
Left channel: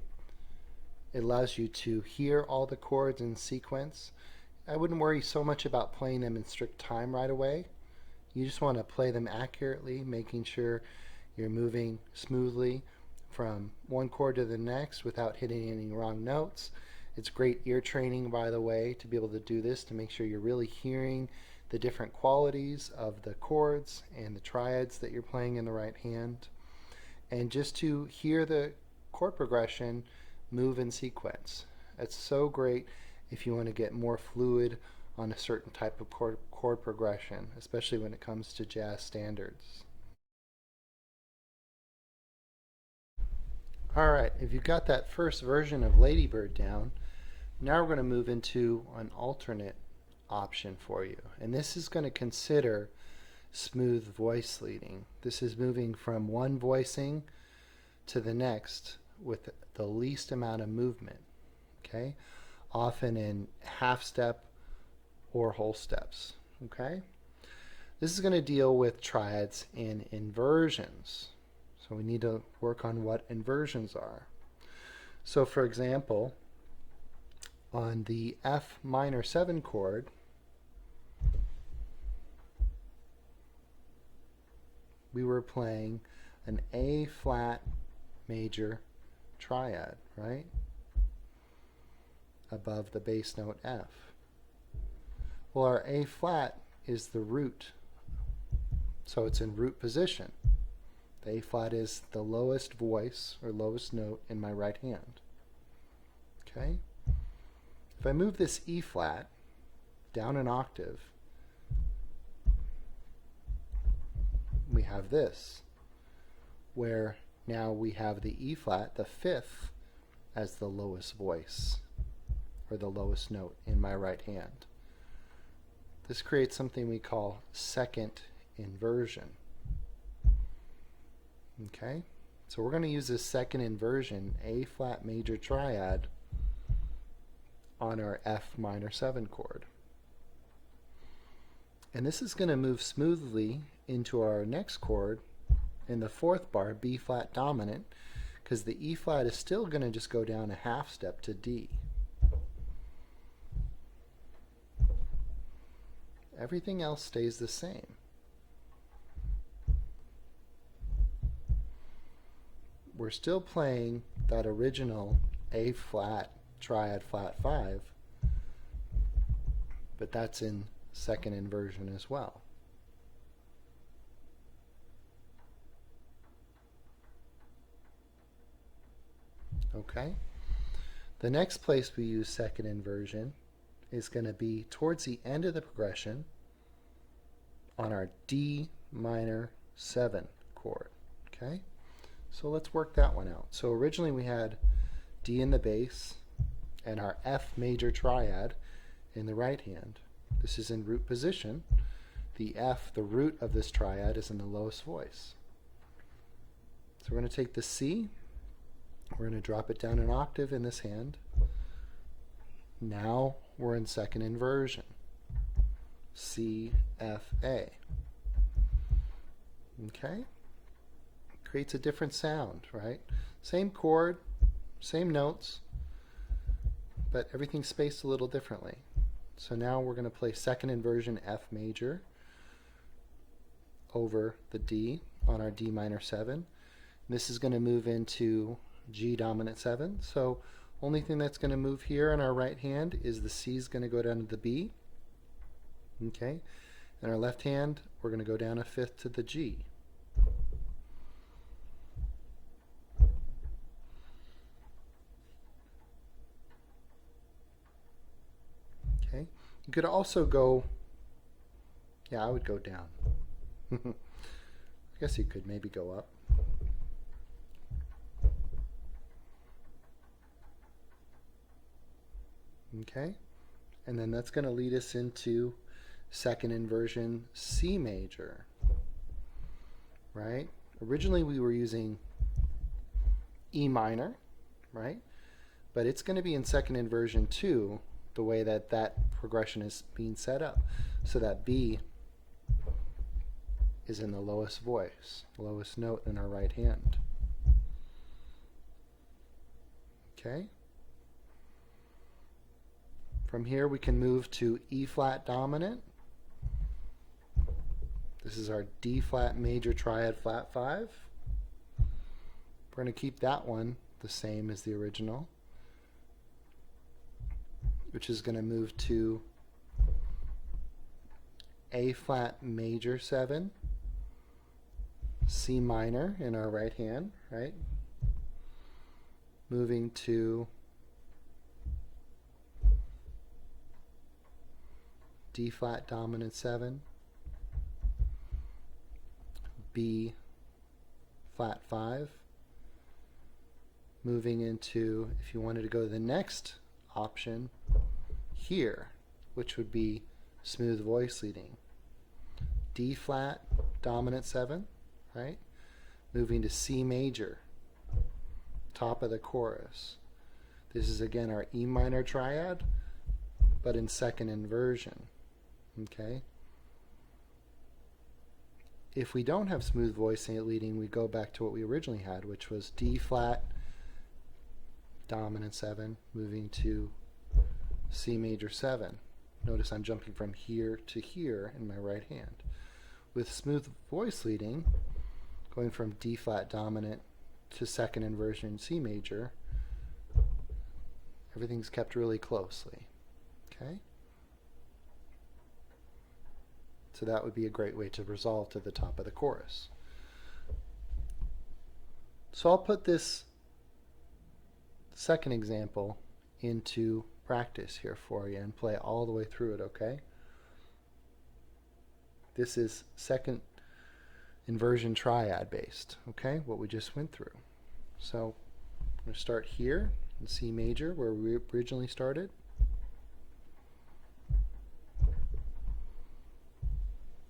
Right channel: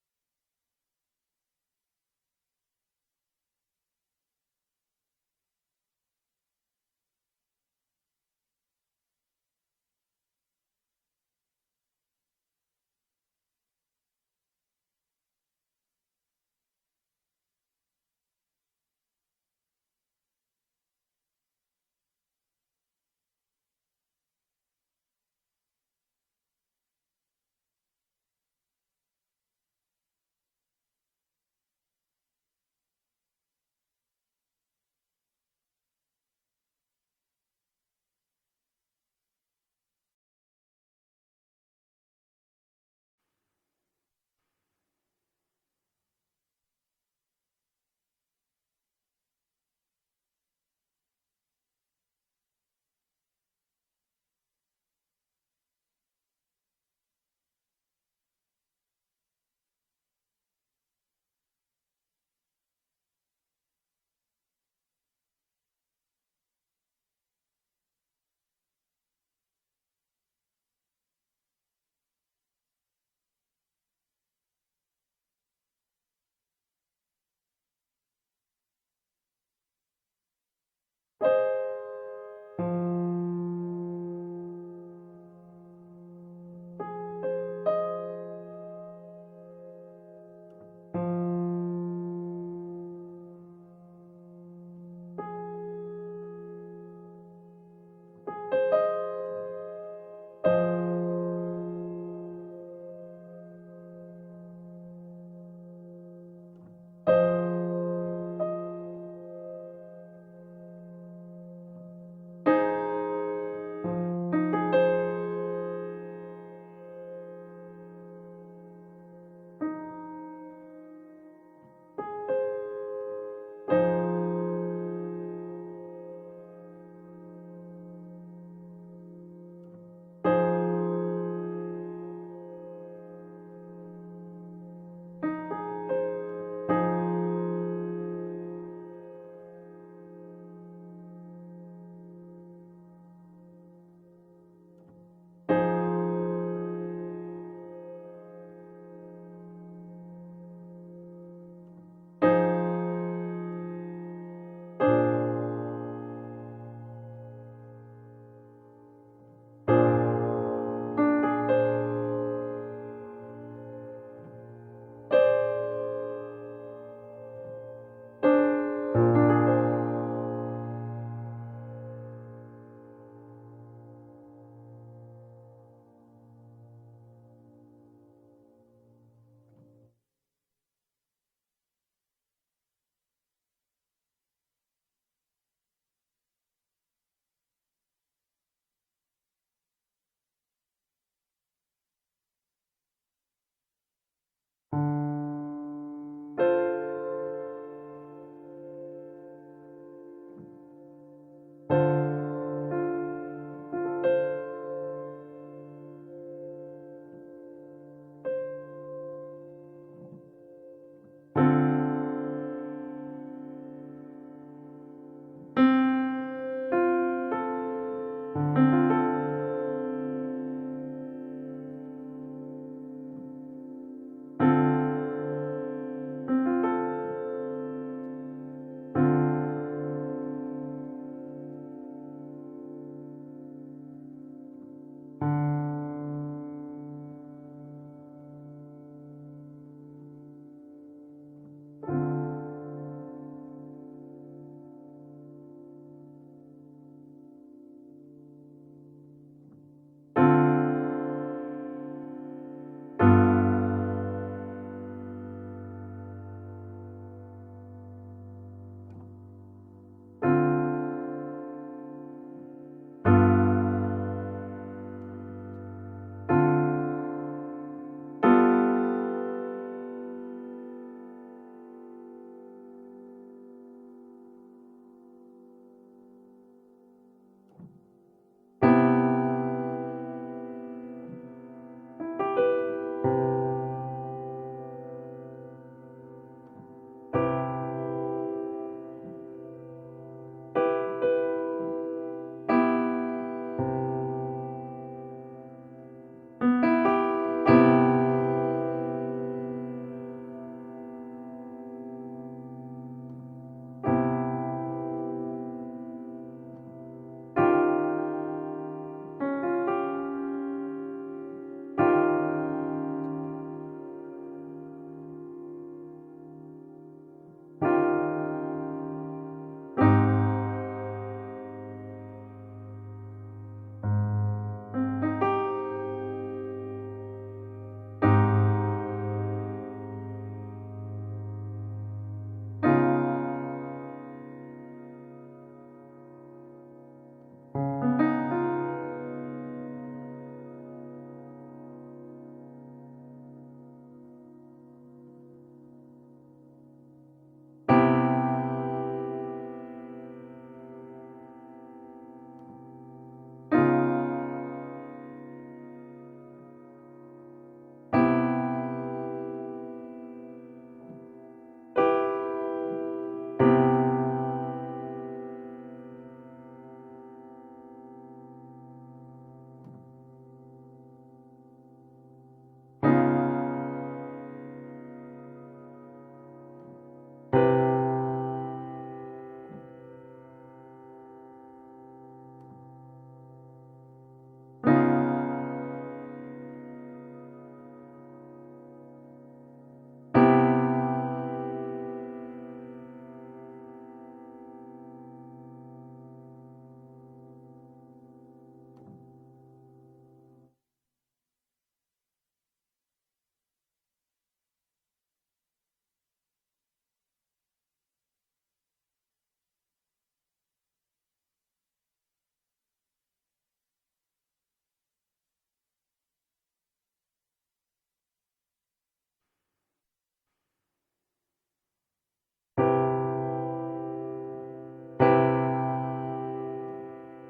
It allows you to hear all the chords in sequence. I wouldn't worry so much about playing them in strict time right away. You just want to play them accurately, making sure you're moving smoothly from one chord to the next without hitting any wrong notes. It's great ear training, by the way, to be able to do this, to make sure you're really hearing the different qualities of the chords and the triads that you're playing in the right hand. And just to hear the chord progression move in sequence. It's so great if you want to get more fluid on a certain type of chord progression, especially when it comes to jazz standards. Alright, if you've got that first version of Lady Bird down, now we're going to move into an alternate option for you. And this is going to consider smooth voice leading. This is moving from one voicing to the next with the least amount of movement. okay? Often in half step or whole steps, okay? This is going to deal with triads and inversions. So we need to work on what inversions are. So for example, on the F minor 7 chord, we were playing an A flat major triad, right? Above the bass note F. Well, our A flat is the root, so it's in root position. The A flat is the lowest voice or lowest note in my right hand. Okay? If I move this E flat down an octave, we have this, where now we have the E flat, the fifth, as the lowest voice or the lowest note in my right hand. This creates something we call second inversion. Okay? So we're going to use this second inversion, A flat major triad, on our F minor 7 chord. And this is going to move smoothly into our next chord in the fourth bar, B flat dominant, because the E flat is still going to just go down a half step to D. Everything else stays the same. We're still playing that original A flat triad flat 5, but that's in second inversion as well. Okay? The next place we use second inversion is going to be towards the end of the progression on our D minor 7 chord. Okay? So let's work that one out. So originally we had D in the bass and our F major triad in the right hand. This is in root position. The F, the root of this triad, is in the lowest voice. So we're going to take the C, we're going to drop it down an octave in this hand. Now we're in second inversion. C, F, A. Okay? Creates a different sound, right? Same chord, same notes, but everything's spaced a little differently. So now we're going to play second inversion F major over the D on our D minor 7. This is going to move into G dominant 7. So only thing that's going to move here in our right hand is the C is going to go down to the B. Okay? In our left hand, we're going to go down a fifth to the G. Okay? You could also go, yeah, I would go down. I guess you could maybe go up. Okay? And then that's going to lead us into second inversion C major. Right? Originally we were using E minor, right? But it's going to be in second inversion too, the way that that progression is being set up. So that B is in the lowest voice, the lowest note in our right hand. From here we can move to E flat dominant. This is our D flat major triad flat 5. We're going to keep that one the same as the original, which is going to move to A flat major 7, C minor in our right hand, right? Moving to D flat dominant 7, B flat 5, moving into, if you wanted to go to the next option, here, which would be smooth voice leading. D flat dominant 7, right? Moving to C major, top of the chorus. This is again our E minor triad, but in second inversion. Okay? If we don't have smooth voice leading, we go back to what we originally had, which was D flat, dominant 7, moving to C major 7. Notice I'm jumping from here to here in my right hand. With smooth voice leading, going from D flat dominant to second inversion C major, everything's kept really closely. Okay? So that would be a great way to resolve to the top of the chorus. So I'll put this second example into practice here for you and play all the way through it, okay? This is second inversion triad based, okay? What we just went through. So I'm going to start here in C major where we originally started.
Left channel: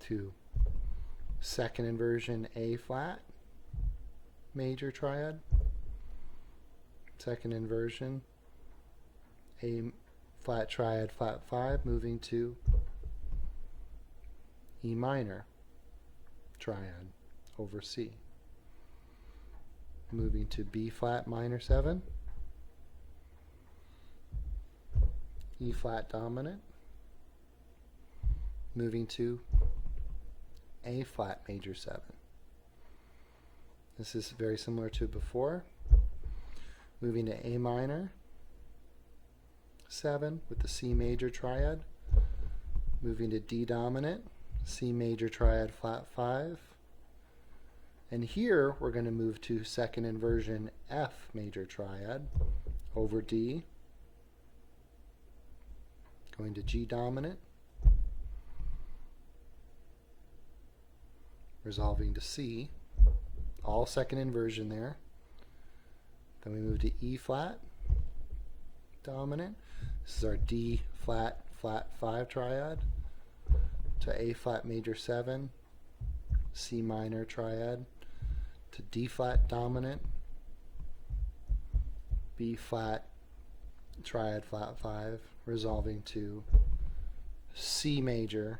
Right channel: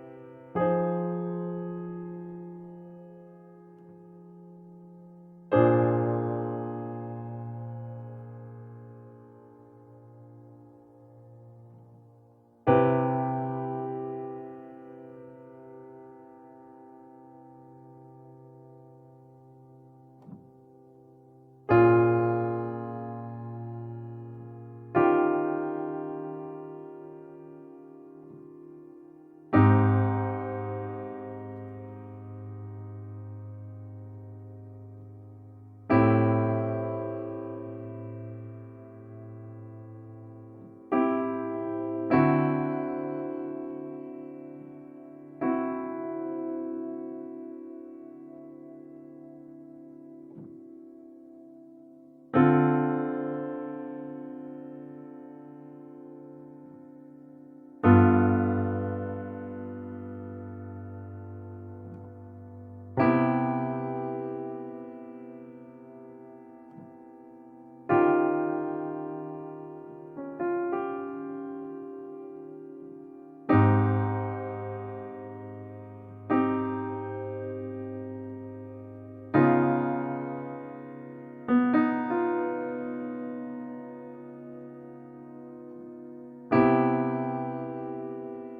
To second inversion A flat major triad. Second inversion A flat triad flat 5, moving to E minor triad over C, moving to B flat minor 7, E flat dominant, moving to A flat major 7. This is very similar to before, moving to A minor 7 with the C major triad, moving to D dominant, C major triad flat 5, and here we're going to move to second inversion F major triad over D, going to G dominant, resolving to C, all second inversion there. Then we move to E flat dominant. This is our D flat flat 5 triad, to A flat major 7, C minor triad, to D flat dominant, B flat triad flat 5, resolving to C major,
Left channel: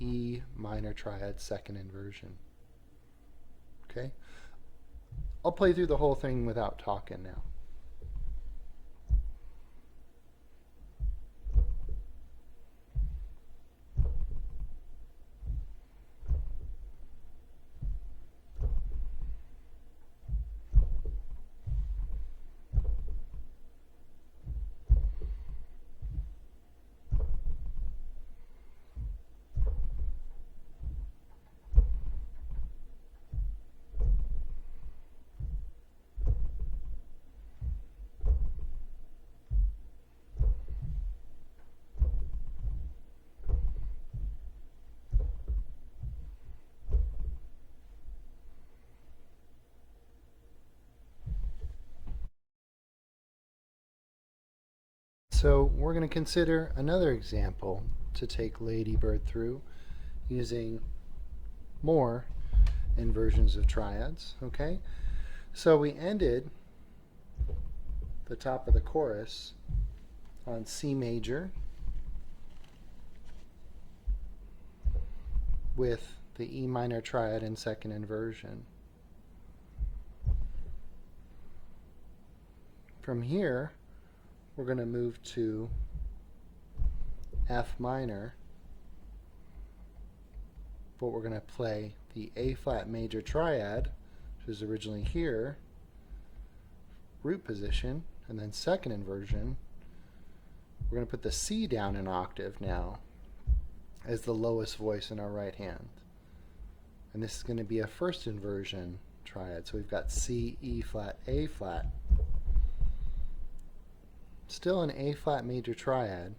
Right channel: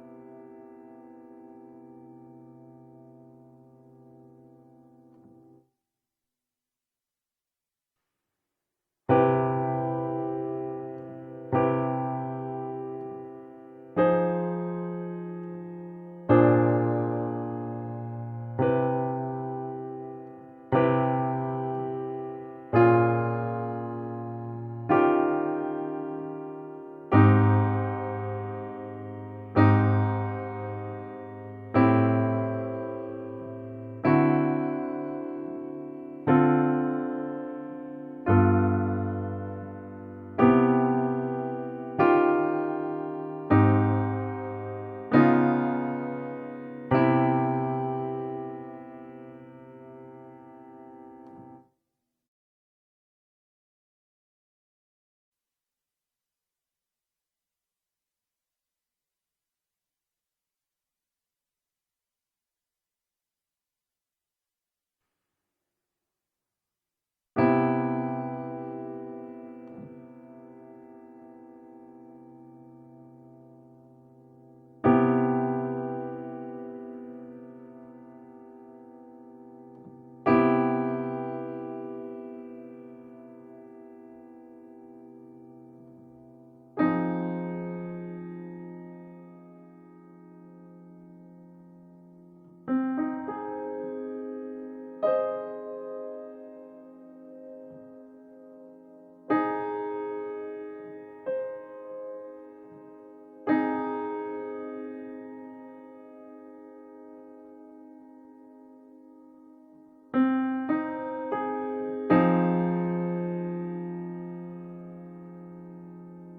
E minor triad second inversion. Okay? I'll play through the whole thing without talking now. So we're going to consider another example to take Lady Bird through using more inversions of triads, okay? So we ended the top of the chorus on C major with the E minor triad in second inversion. From here, we're going to move to F minor, but we're going to play the A flat major triad, which was originally here, root position, and then second inversion. We're going to put the C down an octave now as the lowest voice in our right hand. And this is going to be a first inversion triad. So we've got C, E flat, A flat. Still an A flat major triad,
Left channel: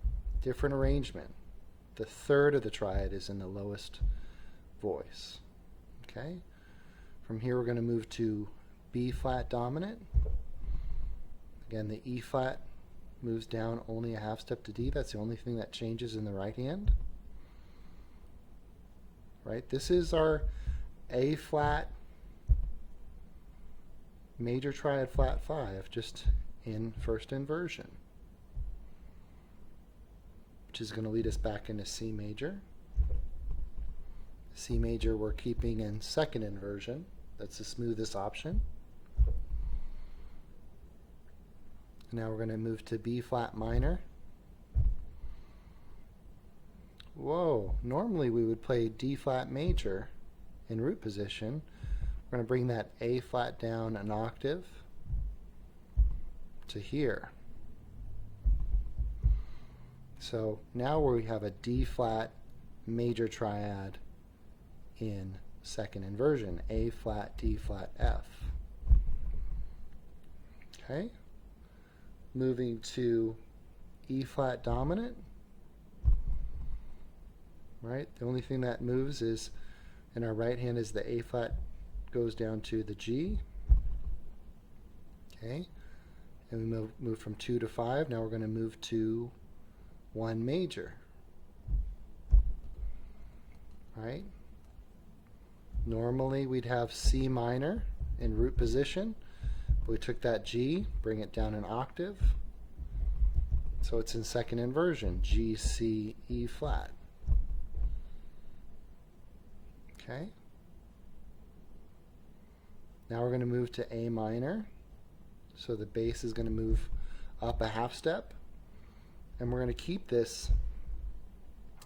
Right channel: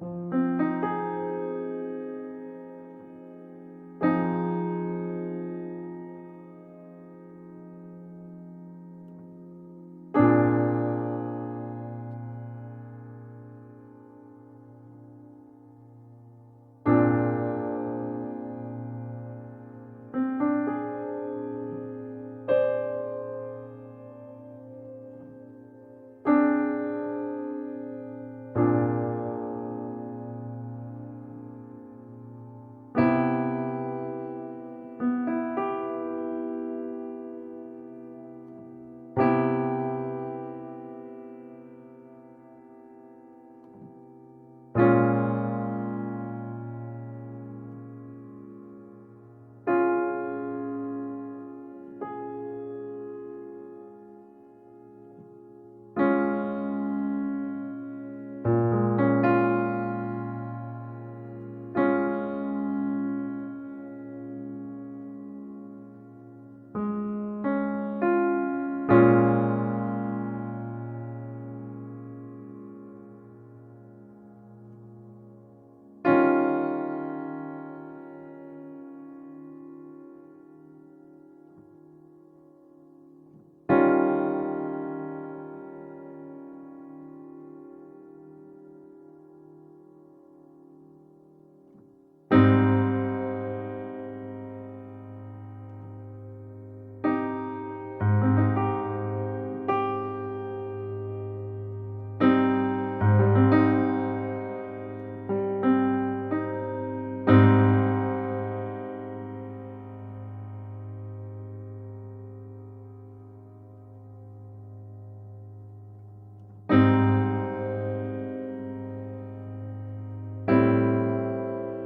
different arrangement. The third of the triad is in the lowest voice. Okay? From here we're going to move to B flat dominant. Again, the E flat moves down only a half step to D. That's the only thing that changes in the right hand. Right? This is our A flat major triad flat 5, just in first inversion, which is going to lead us back into C major. C major we're keeping in second inversion. That's the smoothest option. Now we're going to move to B flat minor. Whoa, normally we would play D flat major in root position. We're going to bring that A flat down an octave to here. So now we have a D flat major triad in second inversion, A flat, D flat, F. Okay. Moving to E flat dominant. Right, the only thing that moves is in our right hand is the A flat goes down to the G. Okay, and we move from 2 to 5. Now we're going to move to 1 major. Right. Normally we'd have C minor in root position. We took that G, bring it down an octave. So it's in second inversion, G, C, E flat. Okay. Now we're going to move to A minor. So the bass is going to move up a half step. And we're going to keep this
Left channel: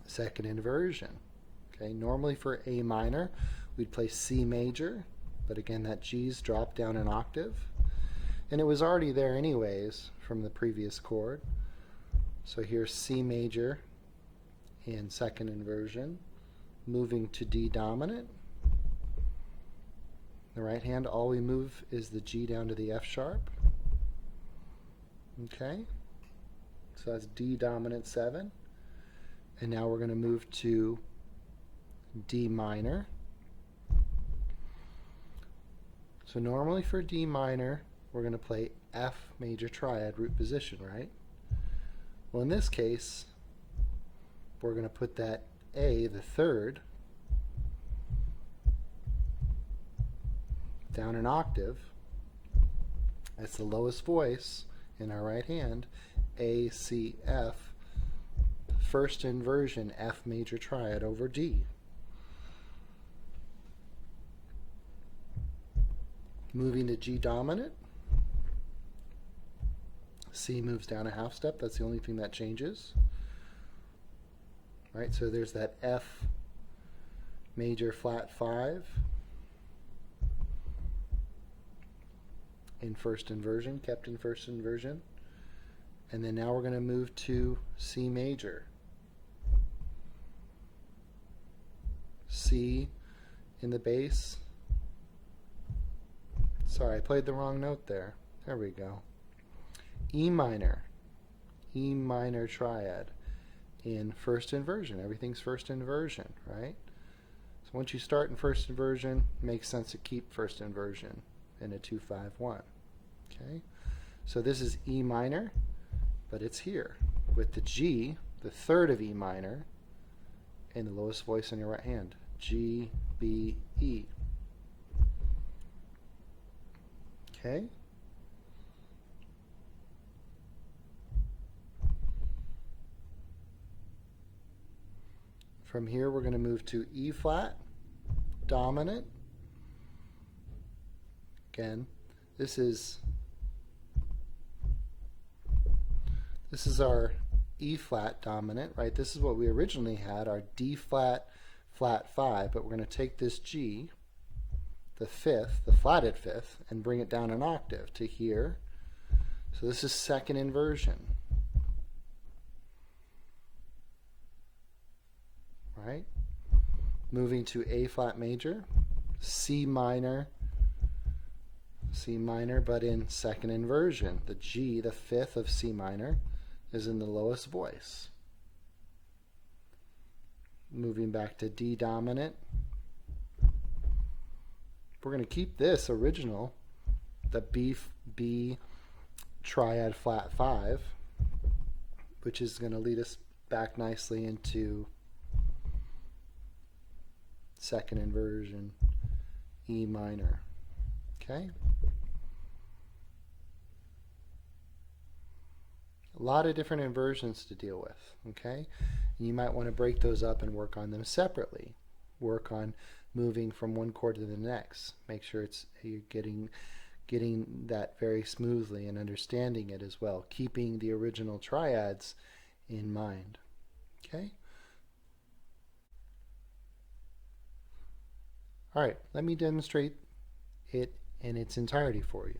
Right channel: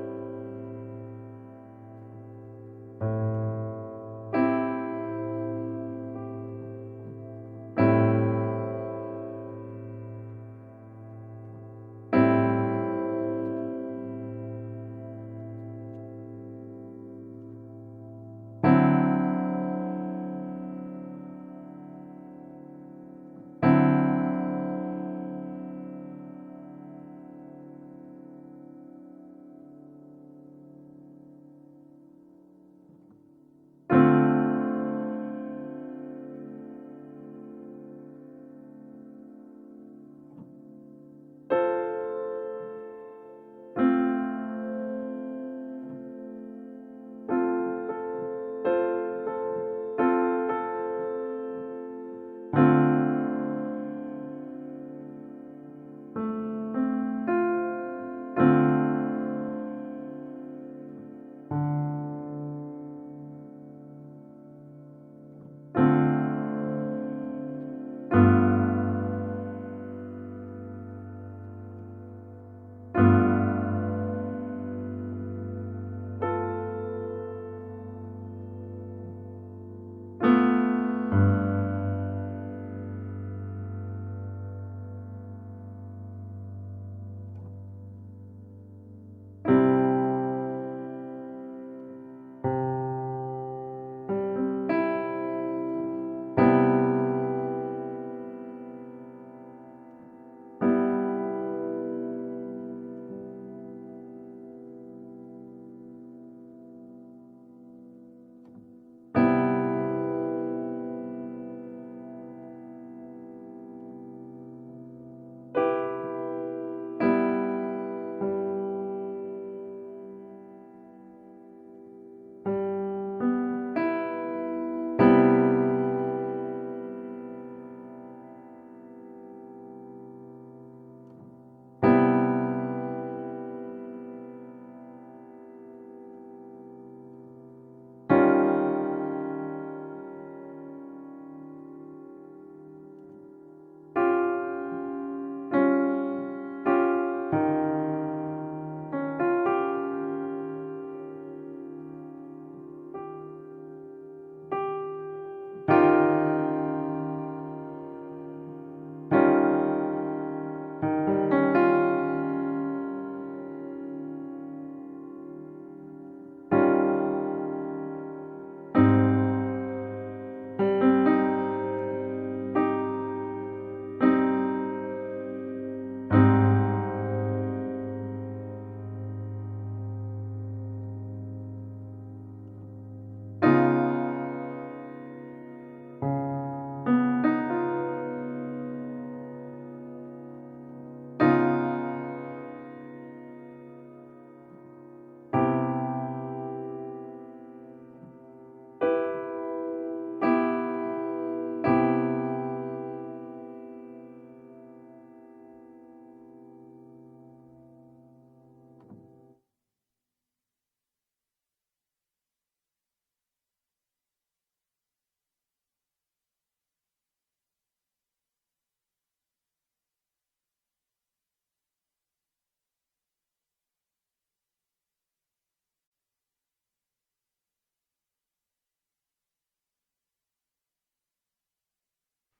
second inversion. Okay, normally for A minor, we'd play C major, but again, that G's dropped down an octave. And it was already there anyways from the previous chord. So here's C major in second inversion, moving to D dominant. The right hand, all we move is the G down to the F sharp. Okay, so that's D dominant 7. And now we're going to move to D minor. So normally for D minor, we're going to play F major triad root position, right? Well, in this case, we're going to put that A, the third, down an octave. That's the lowest voice in our right hand. A, C, F, first inversion, F major triad over D. Moving to G dominant. C moves down a half step. That's the only thing that changes. Right, so there's that F major flat 5 in first inversion, kept in first inversion. And then now we're going to move to C major. C in the bass. Sorry, I played the wrong note there. There we go. E minor triad in first inversion. Everything's first inversion, right? So once you start in first inversion, it makes sense to keep first inversion in a 2-5-1. Okay? So this is E minor, but it's here with the G, the third of E minor, and the lowest voice in your right hand. G, B, E. Okay? From here, we're going to move to E flat, dominant. Again, this is our E flat dominant, right? This is what we originally had, our D flat, flat 5, but we're going to take this G, the fifth, the flatted fifth, and bring it down an octave to here. So this is second inversion. To A flat major, C minor, but in second inversion. The G, the fifth of C minor, is in the lowest voice. Moving back to D dominant. We're going to keep this original, the B triad flat 5, which is going to lead us back nicely into second inversion, E minor. Okay? A lot of different inversions to deal with, okay? You might want to break those up and work on them separately. Work on moving from one chord to the next. Make sure you're getting that very smoothly and understanding it as well, keeping the original triads in mind. Okay? All right, let me demonstrate it in its entirety for you.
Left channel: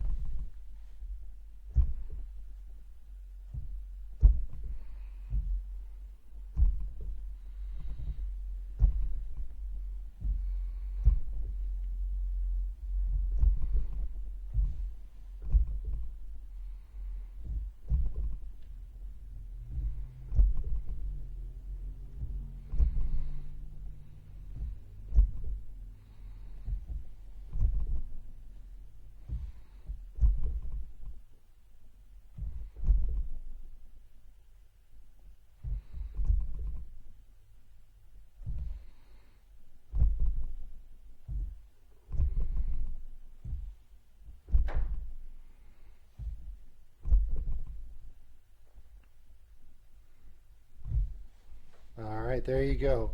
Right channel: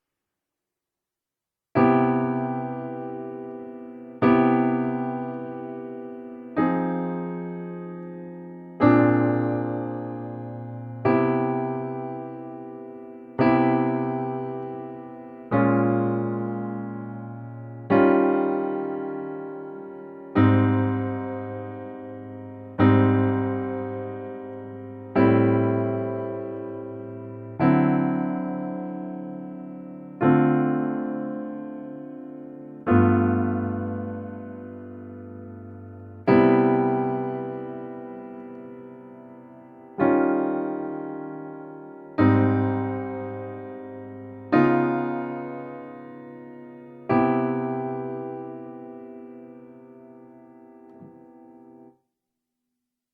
All right, there you go.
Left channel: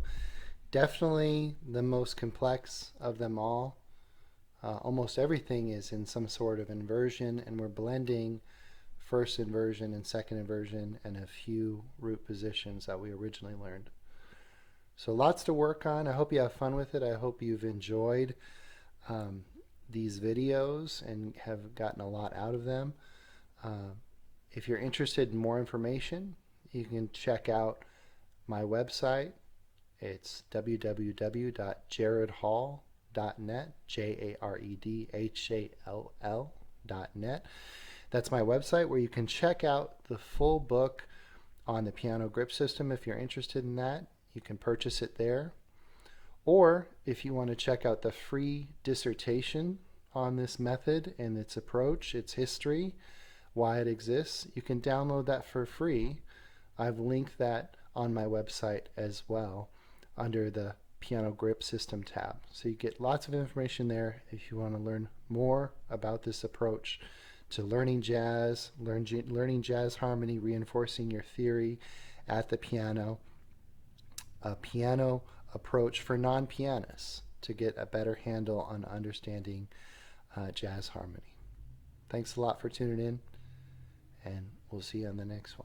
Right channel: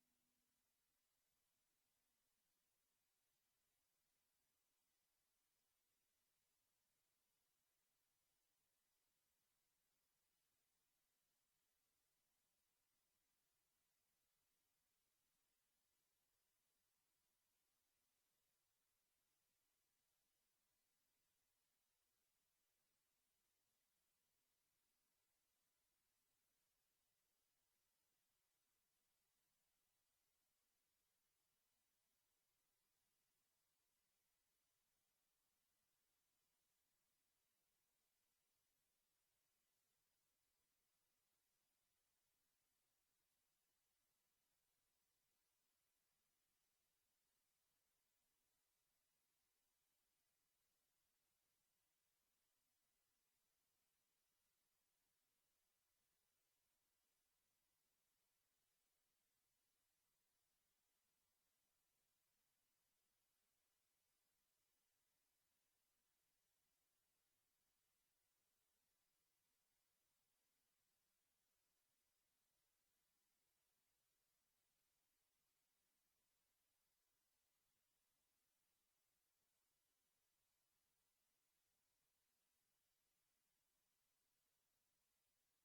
Definitely the most complex of them all. Almost everything is in some sort of inversion, and we're blending first inversion and second inversion and a few root positions that we originally learned. So lots to work on. I hope you have fun with it. I hope you've enjoyed these videos and have gotten a lot out of them. If you're interested in more information, you can check out my website. It's www.jaredhall.net, JAREDHALL.net. That's my website where you can check out the full book on the piano grip system. If you're interested in that, you can purchase it there. Or if you want to check out the free dissertation on this method and its approach, its history, why it exists, you can download that for free. I've linked that on my website as well under the piano grip system tab. So you get lots of information there if you want to learn more about this approach to learning jazz, learning jazz harmony, reinforcing your theory at the piano, a piano approach for non-pianists to get a better handle on understanding jazz harmony. Thanks a lot for tuning in, and we'll see you on the next one.